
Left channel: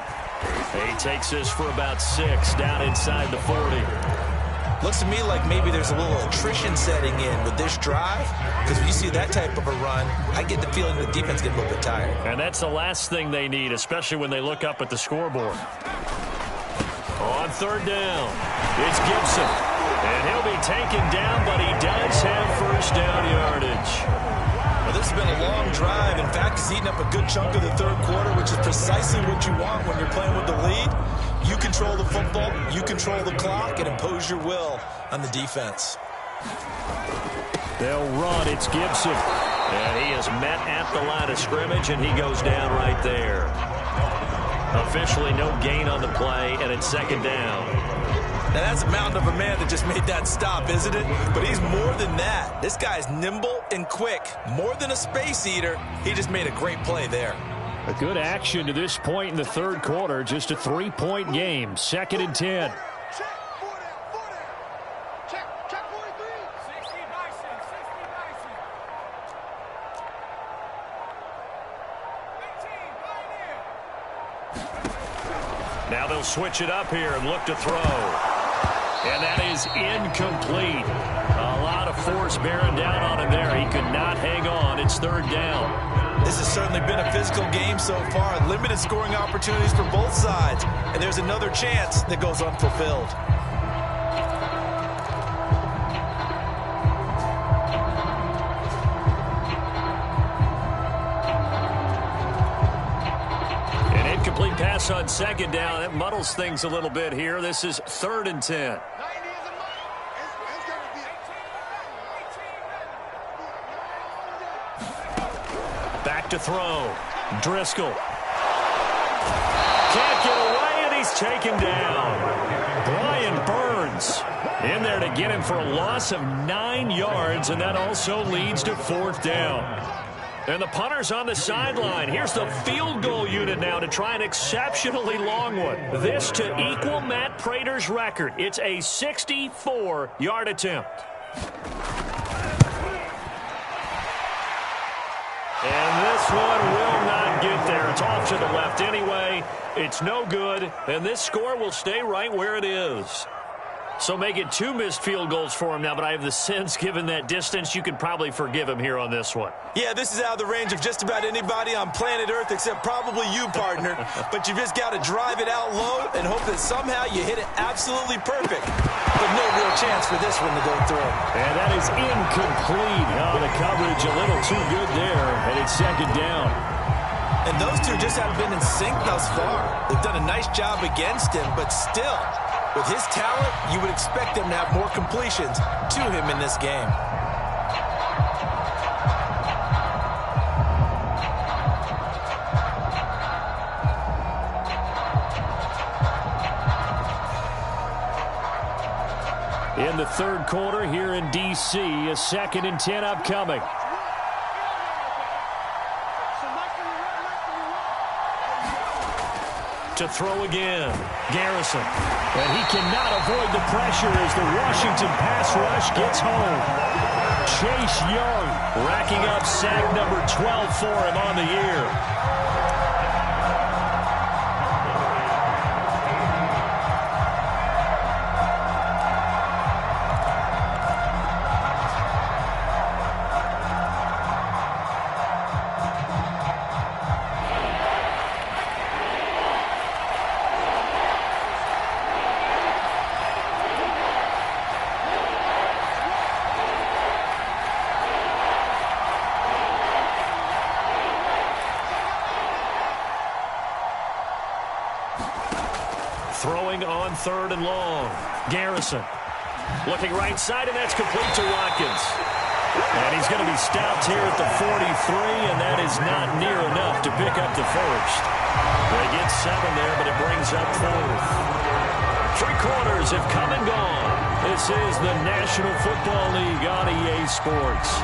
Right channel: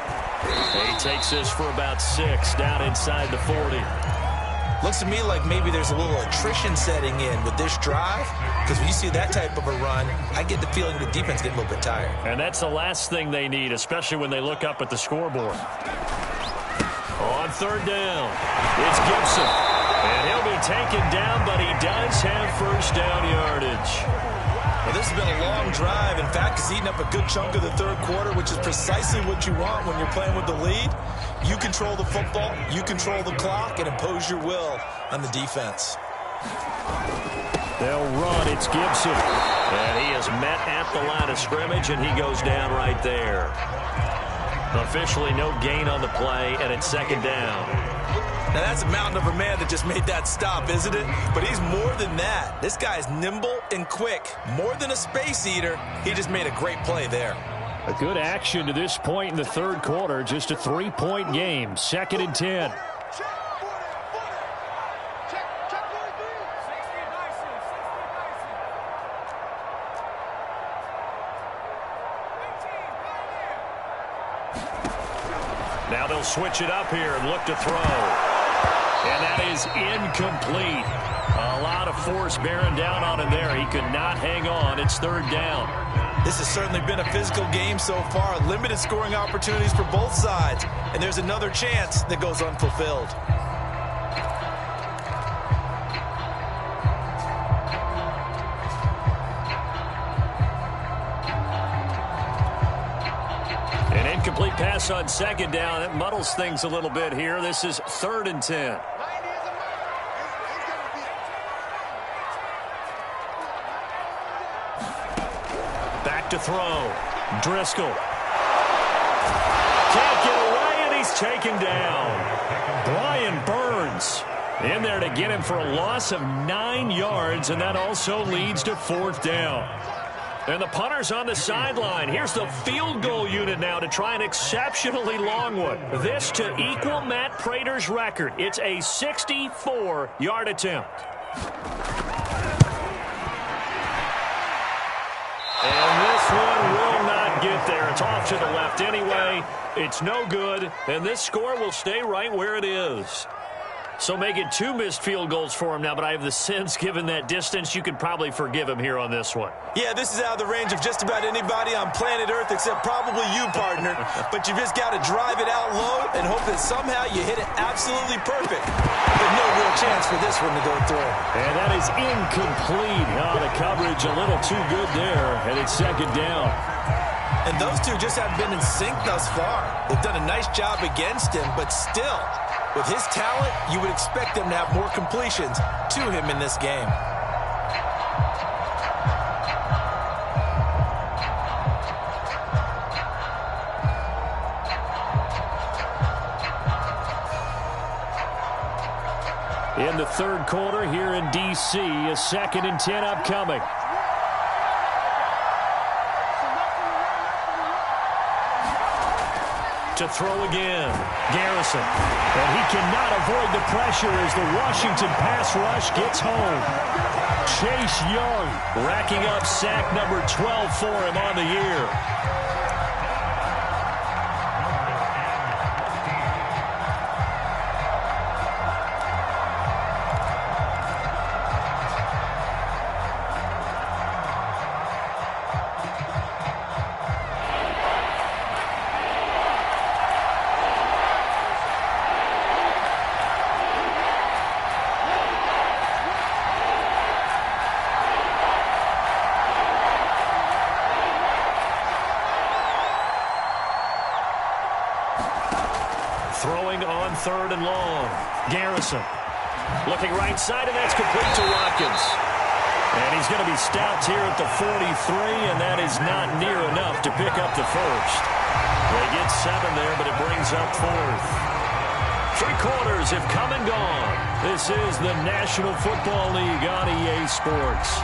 He takes this for about 6 down inside the 40. Looks to me like maybe there's a little attrition setting in with this drive, because when you see that type of a run, I get the feeling the defense get a little bit tired. And that's the last thing they need, especially when they look up at the scoreboard. On 3rd down, it's Gibson. And he'll be taken down, but he does have 1st down yardage. Well, this has been a long drive. In fact, it's eaten up a good chunk of the 3rd quarter, which is precisely what you want when you're playing with the lead. You control the football, you control the clock, and impose your will on the defense. They'll run. It's Gibson. And he is met at the line of scrimmage, and he goes down right there. Officially no gain on the play, and it's 2nd down. Now, that's a mountain of a man that just made that stop, isn't it? But he's more than that. This guy's nimble and quick. More than a space eater, he just made a great play there. A good action to this point in the 3rd quarter. Just a 3-point game. 2nd and 10. Now they'll switch it up here and look to throw. And that is incomplete. A lot of force bearing down on him there. He could not hang on. It's 3rd down. This has certainly been a physical game so far. Limited scoring opportunities for both sides. And there's another chance that goes unfulfilled. An incomplete pass on 2nd down. It muddles things a little bit here. This is 3rd and 10. Back to throw. Driscoll. Can't get away, and he's taken down. Brian Burns in there to get him for a loss of 9 yards, and that also leads to 4th down. And the punter's on the sideline. Here's the field goal unit now to try an exceptionally long one. This to equal Matt Prater's record. It's a 64-yard attempt. And this one will not get there. It's off to the left anyway. It's no good, and this score will stay right where it is. So making 2 missed field goals for him now, but I have the sense, given that distance, you could probably forgive him here on this one. Yeah, this is out of the range of just about anybody on planet Earth except probably you, partner. But you've just got to drive it out low and hope that somehow you hit it absolutely perfect. But no real chance for this one to go through. And that is incomplete. Oh, the coverage a little too good there, and it's 2nd down. And those two just haven't been in sync thus far. They've done a nice job against him, but still, with his talent, you would expect them to have more completions to him in this game. In the 3rd quarter here in D.C., a 2nd and 10 upcoming. To throw again, Garrison. And he cannot avoid the pressure as the Washington pass rush gets home. Chase Young racking up sack number 12 for him on the year. Throwing on 3rd and long. Garrison looking right side, and that's complete to Watkins. And he's going to be stopped here at the 43, and that is not near enough to pick up the first. They get 7 there, but it brings up 4th. 3 quarters have come and gone. This is the National Football League on EA Sports.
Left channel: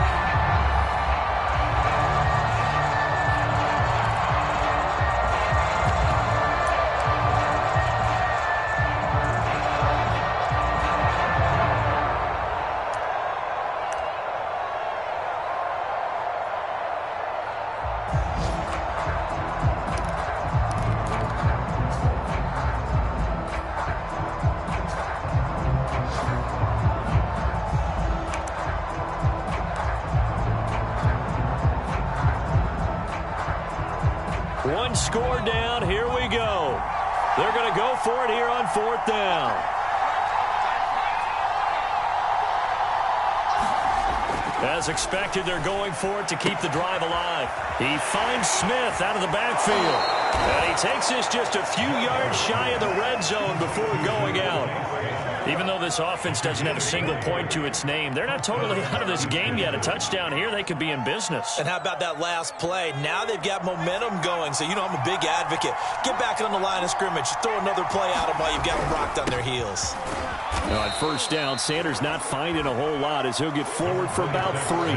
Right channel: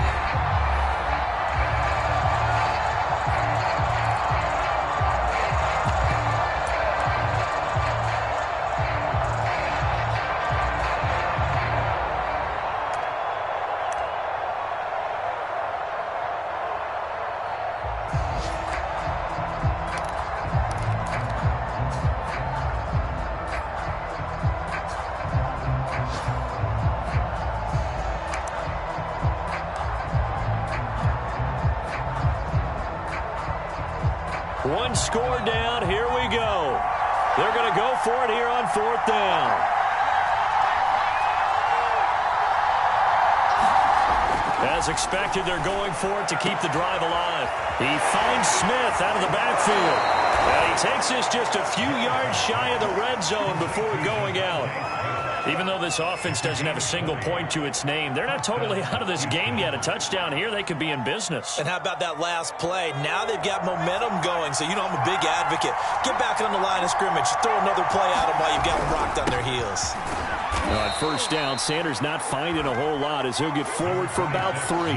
One score down. Here we go. They're going to go for it here on 4th down. As expected, they're going for it to keep the drive alive. He finds Smith out of the backfield. And he takes this just a few yards shy of the red zone before going out. Even though this offense doesn't have a single point to its name, they're not totally out of this game yet. A touchdown here, they could be in business. And how about that last play? Now they've got momentum going, so you know I'm a big advocate. Get back on the line of scrimmage. Throw another play at them while you've got them rocked on their heels. Now on 1st down, Sanders not finding a whole lot as he'll get forward for about 3.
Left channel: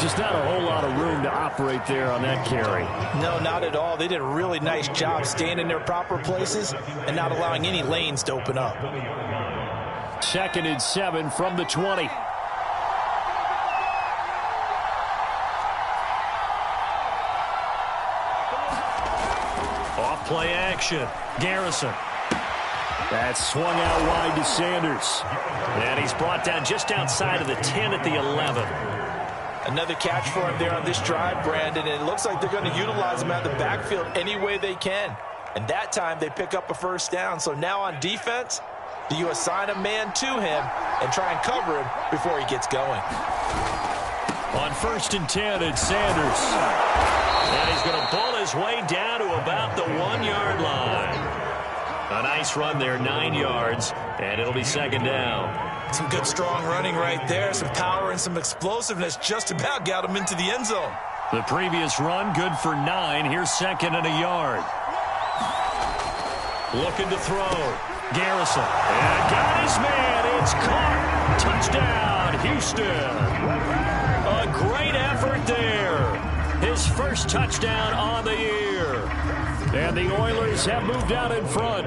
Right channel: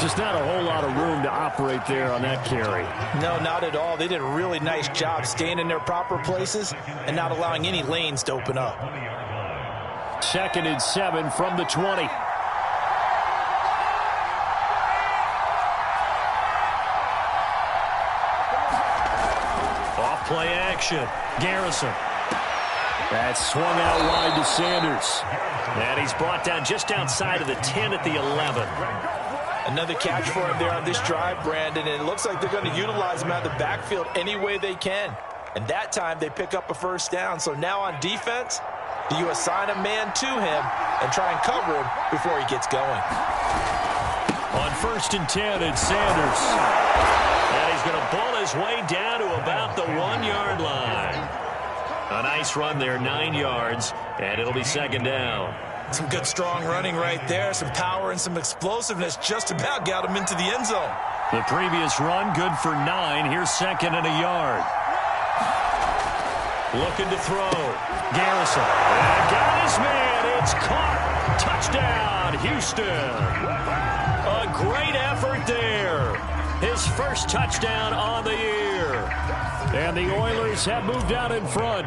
Just not a whole lot of room to operate there on that carry. No, not at all. They did a really nice job staying in their proper places and not allowing any lanes to open up. 2nd and 7 from the 20. Off play action. Garrison. That's swung out wide to Sanders. And he's brought down just outside of the 10 at the 11. Another catch for him there on this drive, Brandon, and it looks like they're going to utilize him out of the backfield any way they can. And that time they pick up a 1st down. So now on defense, do you assign a man to him and try and cover him before he gets going? On 1st and 10, it's Sanders. And he's going to bull his way down to about the 1-yard line. A nice run there, 9 yards, and it'll be 2nd down. Some good strong running right there, some power and some explosiveness just about got him into the end zone. The previous run, good for 9. Here's 2nd and a yard. Looking to throw. Garrison. And got his man. It's caught. Touchdown, Houston. A great effort there. His first touchdown on the year. And the Oilers have moved out in front.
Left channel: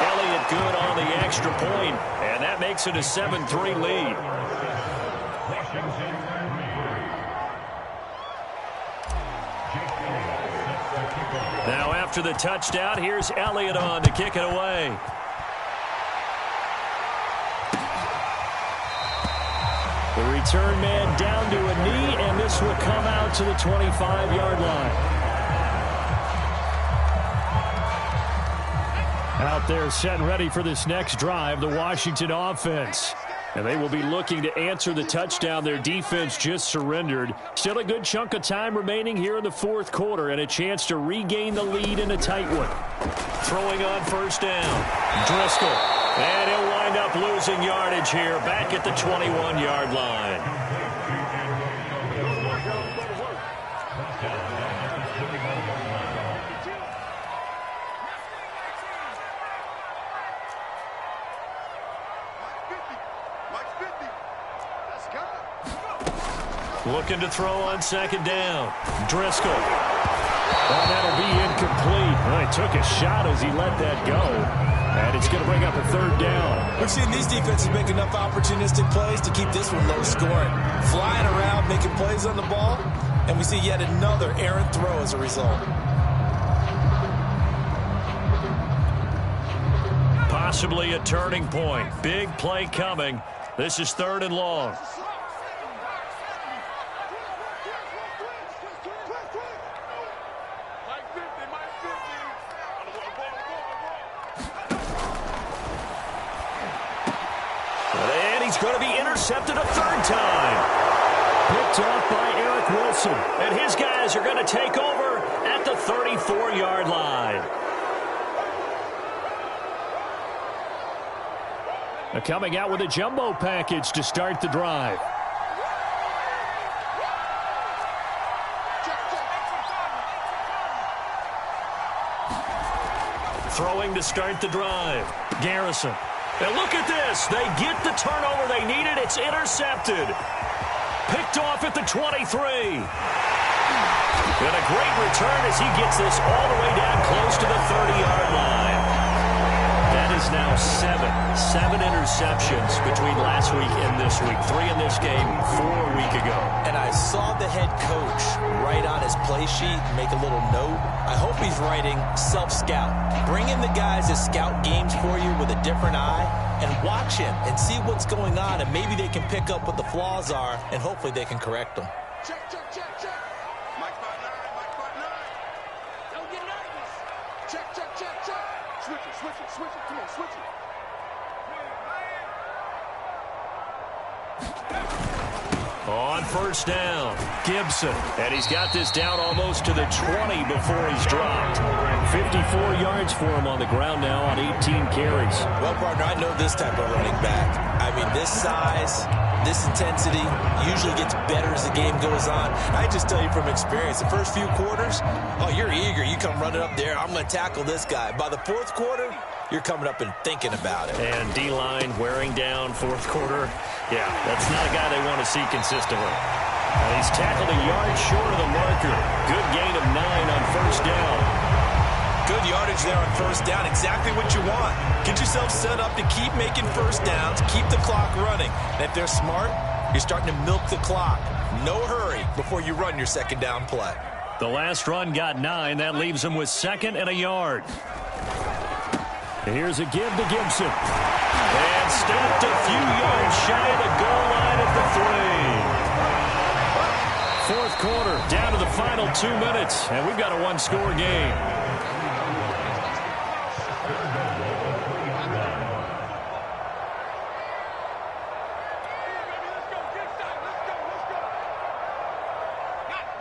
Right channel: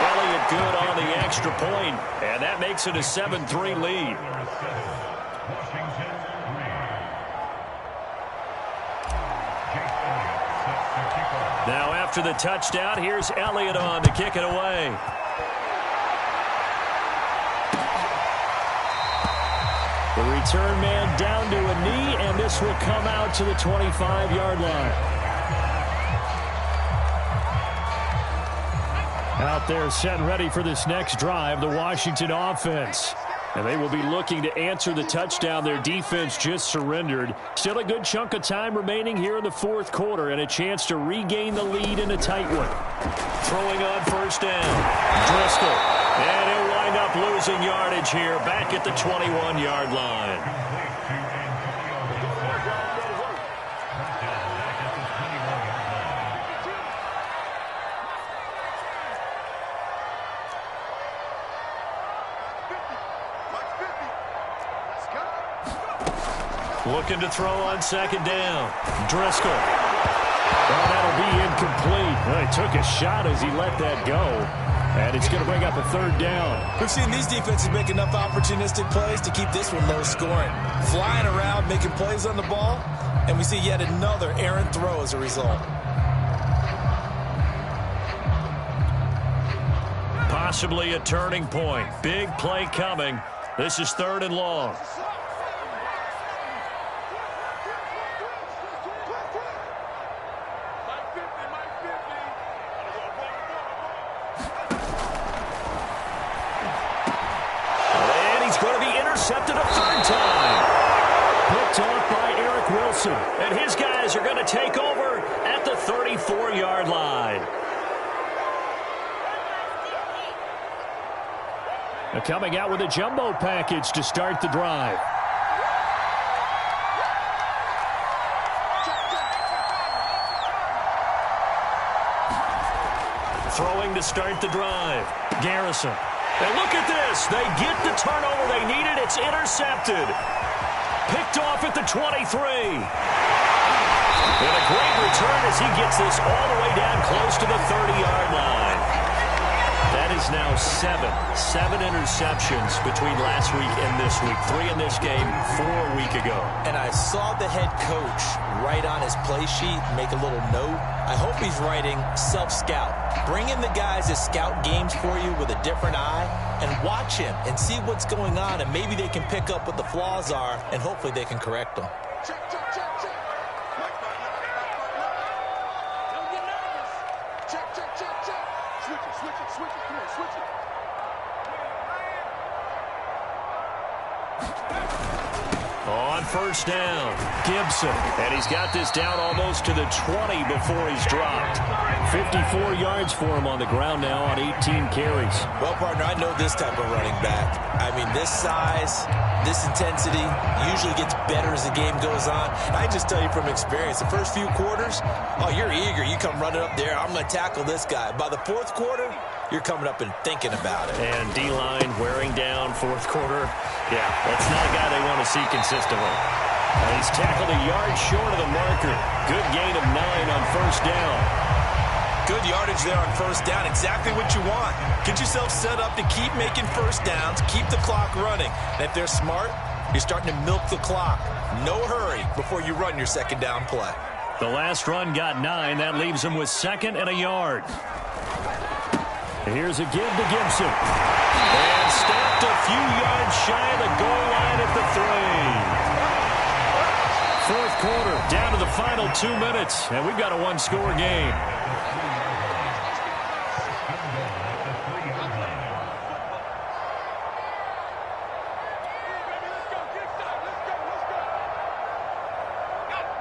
Elliott good on the extra point, and that makes it a 7-3 lead. Now after the touchdown, here's Elliott on to kick it away. The return man down to a knee, and this will come out to the 25-yard line. Out there set and ready for this next drive, the Washington offense. And they will be looking to answer the touchdown their defense just surrendered. Still a good chunk of time remaining here in the 4th quarter and a chance to regain the lead in a tight one. Throwing on 1st down. Driscoll. And he'll wind up losing yardage here back at the 21-yard line. Looking to throw on 2nd down. Driscoll. Well, that'll be incomplete. Well, he took a shot as he let that go. And it's going to bring up a 3rd down. We've seen these defenses make enough opportunistic plays to keep this one low scoring. Flying around, making plays on the ball. And we see yet another errant throw as a result. Possibly a turning point. Big play coming. This is 3rd and long. Going to be intercepted a 3rd time. Picked off by Eric Wilson. And his guys are going to take over at the 34-yard line. Coming out with a jumbo package to start the drive. Throwing to start the drive. Garrison. And look at this. They get the turnover they needed. It's intercepted. Picked off at the 23. And a great return as he gets this all the way down close to the 30-yard line. That is now seven interceptions between last week and this week. 3 in this game, 4 a week ago. And I saw the head coach write on his play sheet, make a little note. I hope he's writing self-scout. Bring in the guys that scout games for you with a different eye and watch him and see what's going on, and maybe they can pick up what the flaws are, and hopefully they can correct them. Check. Mike partner. Don't get nervous. Check. Switch it. Come on, switch it. On first down, Gibson. And he's got this down almost to the 20 before he's dropped. 54 yards for him on the ground now on 18 carries. Well, partner, I know this type of running back. I mean, this size, this intensity usually gets better as the game goes on. I just tell you from experience, the first few quarters, oh, you're eager. You come running up there, I'm going to tackle this guy. By the fourth quarter, you're coming up and thinking about it. And D-line wearing down fourth quarter. Yeah, that's not a guy they want to see consistently. And he's tackled a yard short of the marker. Good gain of 9 on first down. Good yardage there on first down. Exactly what you want. Get yourself set up to keep making first downs. Keep the clock running. And if they're smart, you're starting to milk the clock. No hurry before you run your second down play. The last run got 9. That leaves him with 2nd and a yard. Here's a give to Gibson. And stepped a few yards shy of the goal line at the 3. Fourth quarter, down to the final 2 minutes, and we've got a one-score game.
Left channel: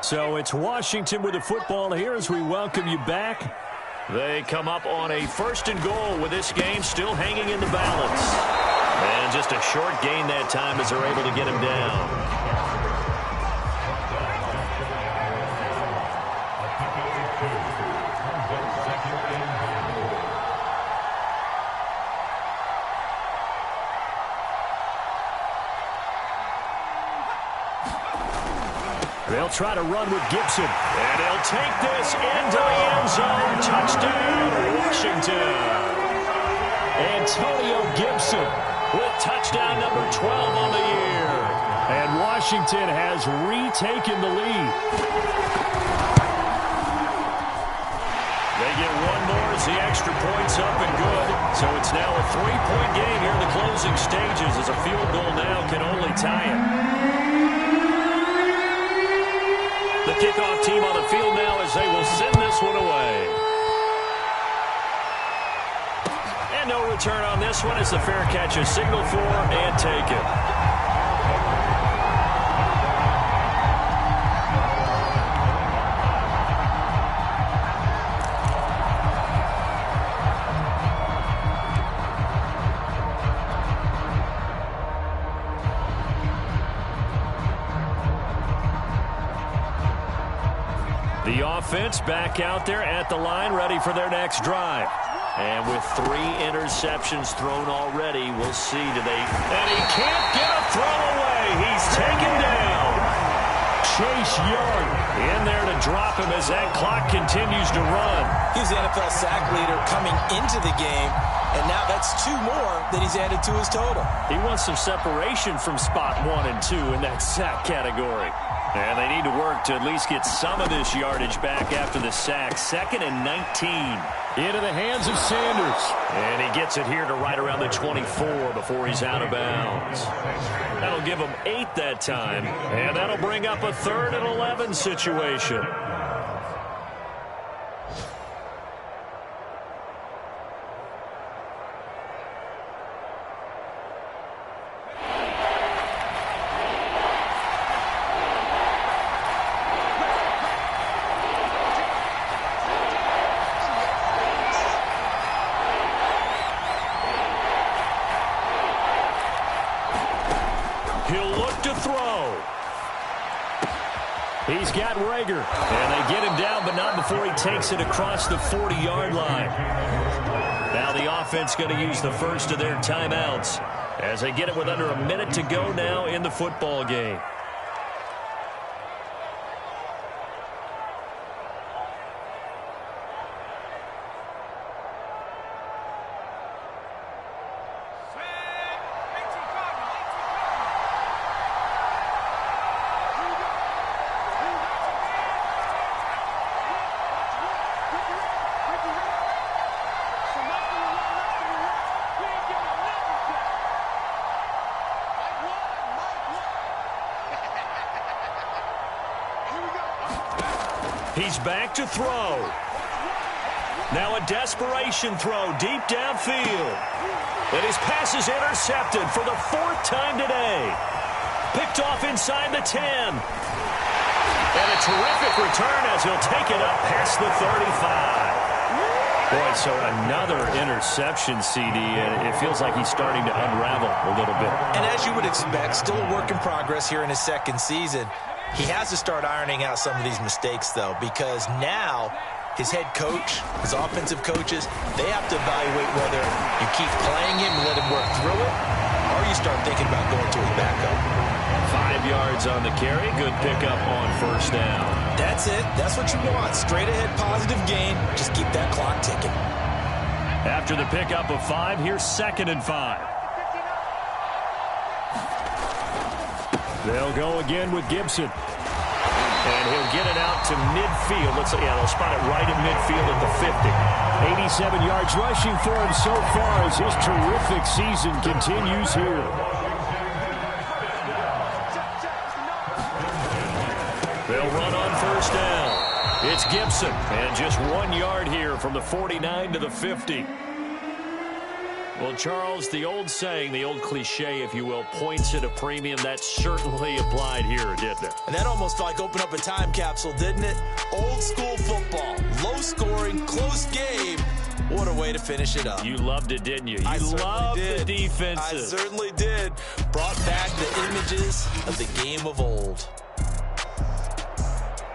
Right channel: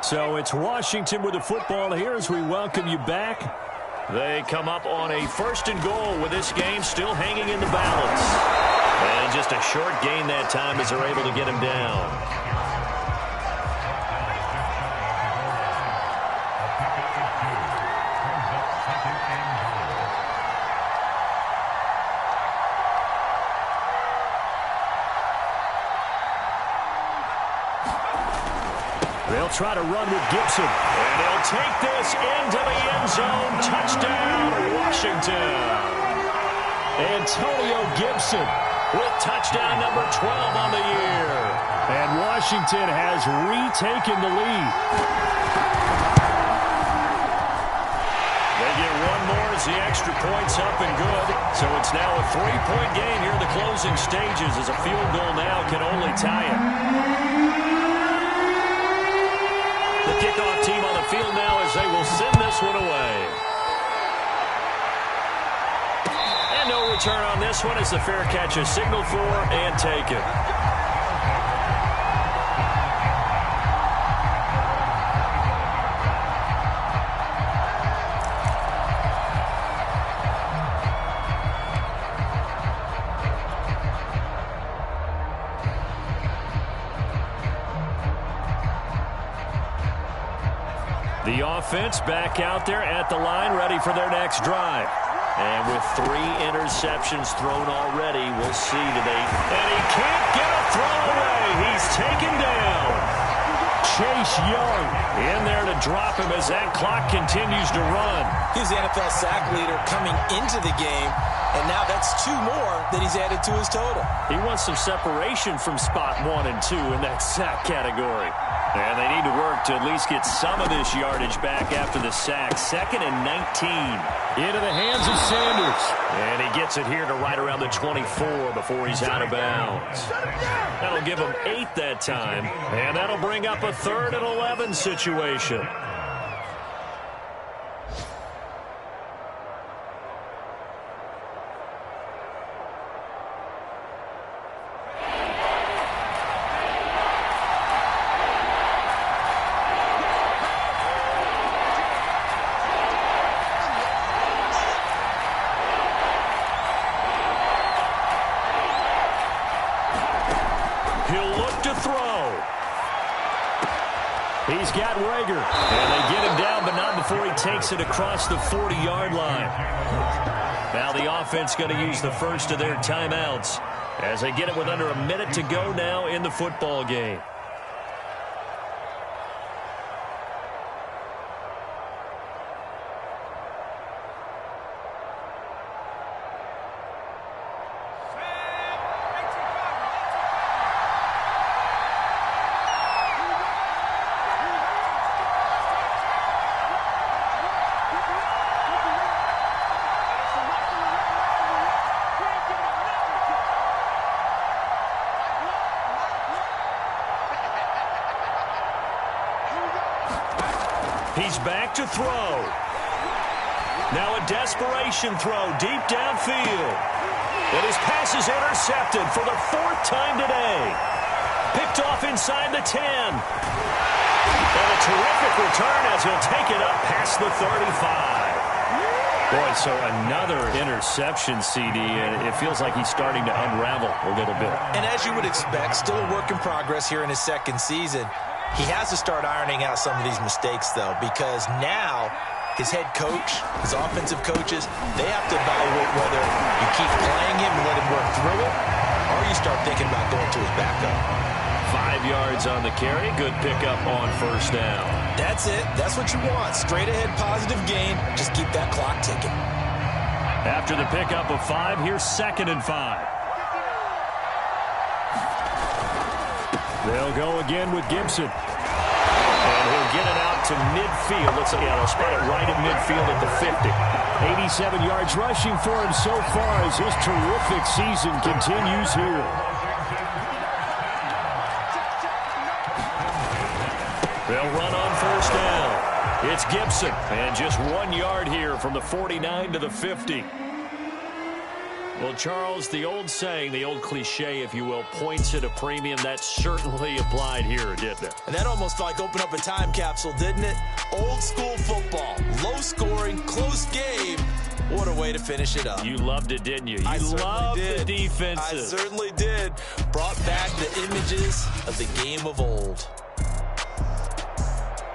So it's Washington with the football here as we welcome you back. They come up on a 1st and goal with this game still hanging in the balance. And just a short gain that time as they're able to get him down. They'll try to run with Gibson. And he'll take this into the end zone. Touchdown, Washington. Antonio Gibson with touchdown number 12 on the year. And Washington has retaken the lead. They get one more as the extra point's up and good. So it's now a 3-point game here in the closing stages as a field goal now can only tie it. The kickoff team on the field now as they will send this one away. And no return on this one as the fair catch is signaled for and taken. The offense back out there at the line, ready for their next drive. And with 3 interceptions thrown already, we'll see today. And he can't get a throw away. He's taken down. Chase Young in there to drop him as that clock continues to run. He's the NFL sack leader coming into the game. And now that's 2 more that he's added to his total. He wants some separation from spot 1 and 2 in that sack category. And they need to work to at least get some of this yardage back after the sack. 2nd and 19. Into the hands of Sanders. And he gets it here to right around the 24 before he's out of bounds. That'll give him 8 that time. And that'll bring up a 3rd and 11 situation. He'll look to throw. He's got Rager. And they get him down, but not before he takes it across the 40-yard line. Now the offense going to use the first of their timeouts as they get it with under a minute to go now in the football game. He's back to throw. Now a desperation throw deep downfield. And his pass is intercepted for the 4th time today. Picked off inside the 10. And a terrific return as he'll take it up past the 35. Boy, so another interception, CD, and it feels like he's starting to unravel a little bit. And as you would expect, still a work in progress here in his second season. He has to start ironing out some of these mistakes, though, because now his head coach, his offensive coaches, they have to evaluate whether you keep playing him and let him work through it, or you start thinking about going to his backup. 5 yards on the carry. Good pickup on first down. That's it. That's what you want. Straight ahead, positive gain. Just keep that clock ticking. After the pickup of 5, here's 2nd and 5. They'll go again with Gibson. And he'll get it out to midfield. They'll spot it right at midfield at the 50. 87 yards rushing for him so far as his terrific season continues here. They'll run on first down. It's Gibson. And just 1 yard here from the 49 to the 50. Well, Charles, the old saying, the old cliche, if you will, points at a premium. That certainly applied here, didn't it? And that almost like opened up a time capsule, didn't it? Old school football, low scoring, close game. What a way to finish it up. You loved it, didn't you? You loved the defenses. I certainly did. Brought back the images of the game of old.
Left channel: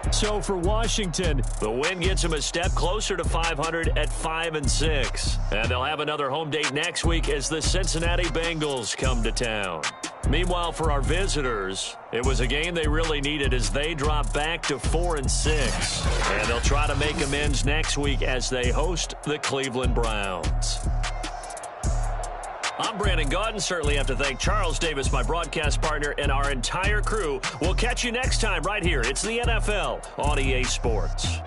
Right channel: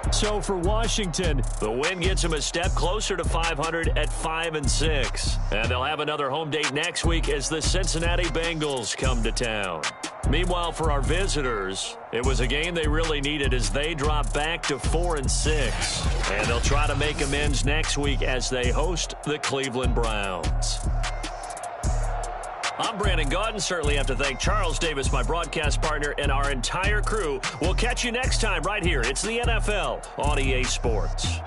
So for Washington, the win gets them a step closer to 500 at 5-6. And they'll have another home date next week as the Cincinnati Bengals come to town. Meanwhile, for our visitors, it was a game they really needed as they drop back to 4-6. And they'll try to make amends next week as they host the Cleveland Browns. I'm Brandon Gaudin. Certainly have to thank Charles Davis, my broadcast partner, and our entire crew. We'll catch you next time right here. It's the NFL on EA Sports.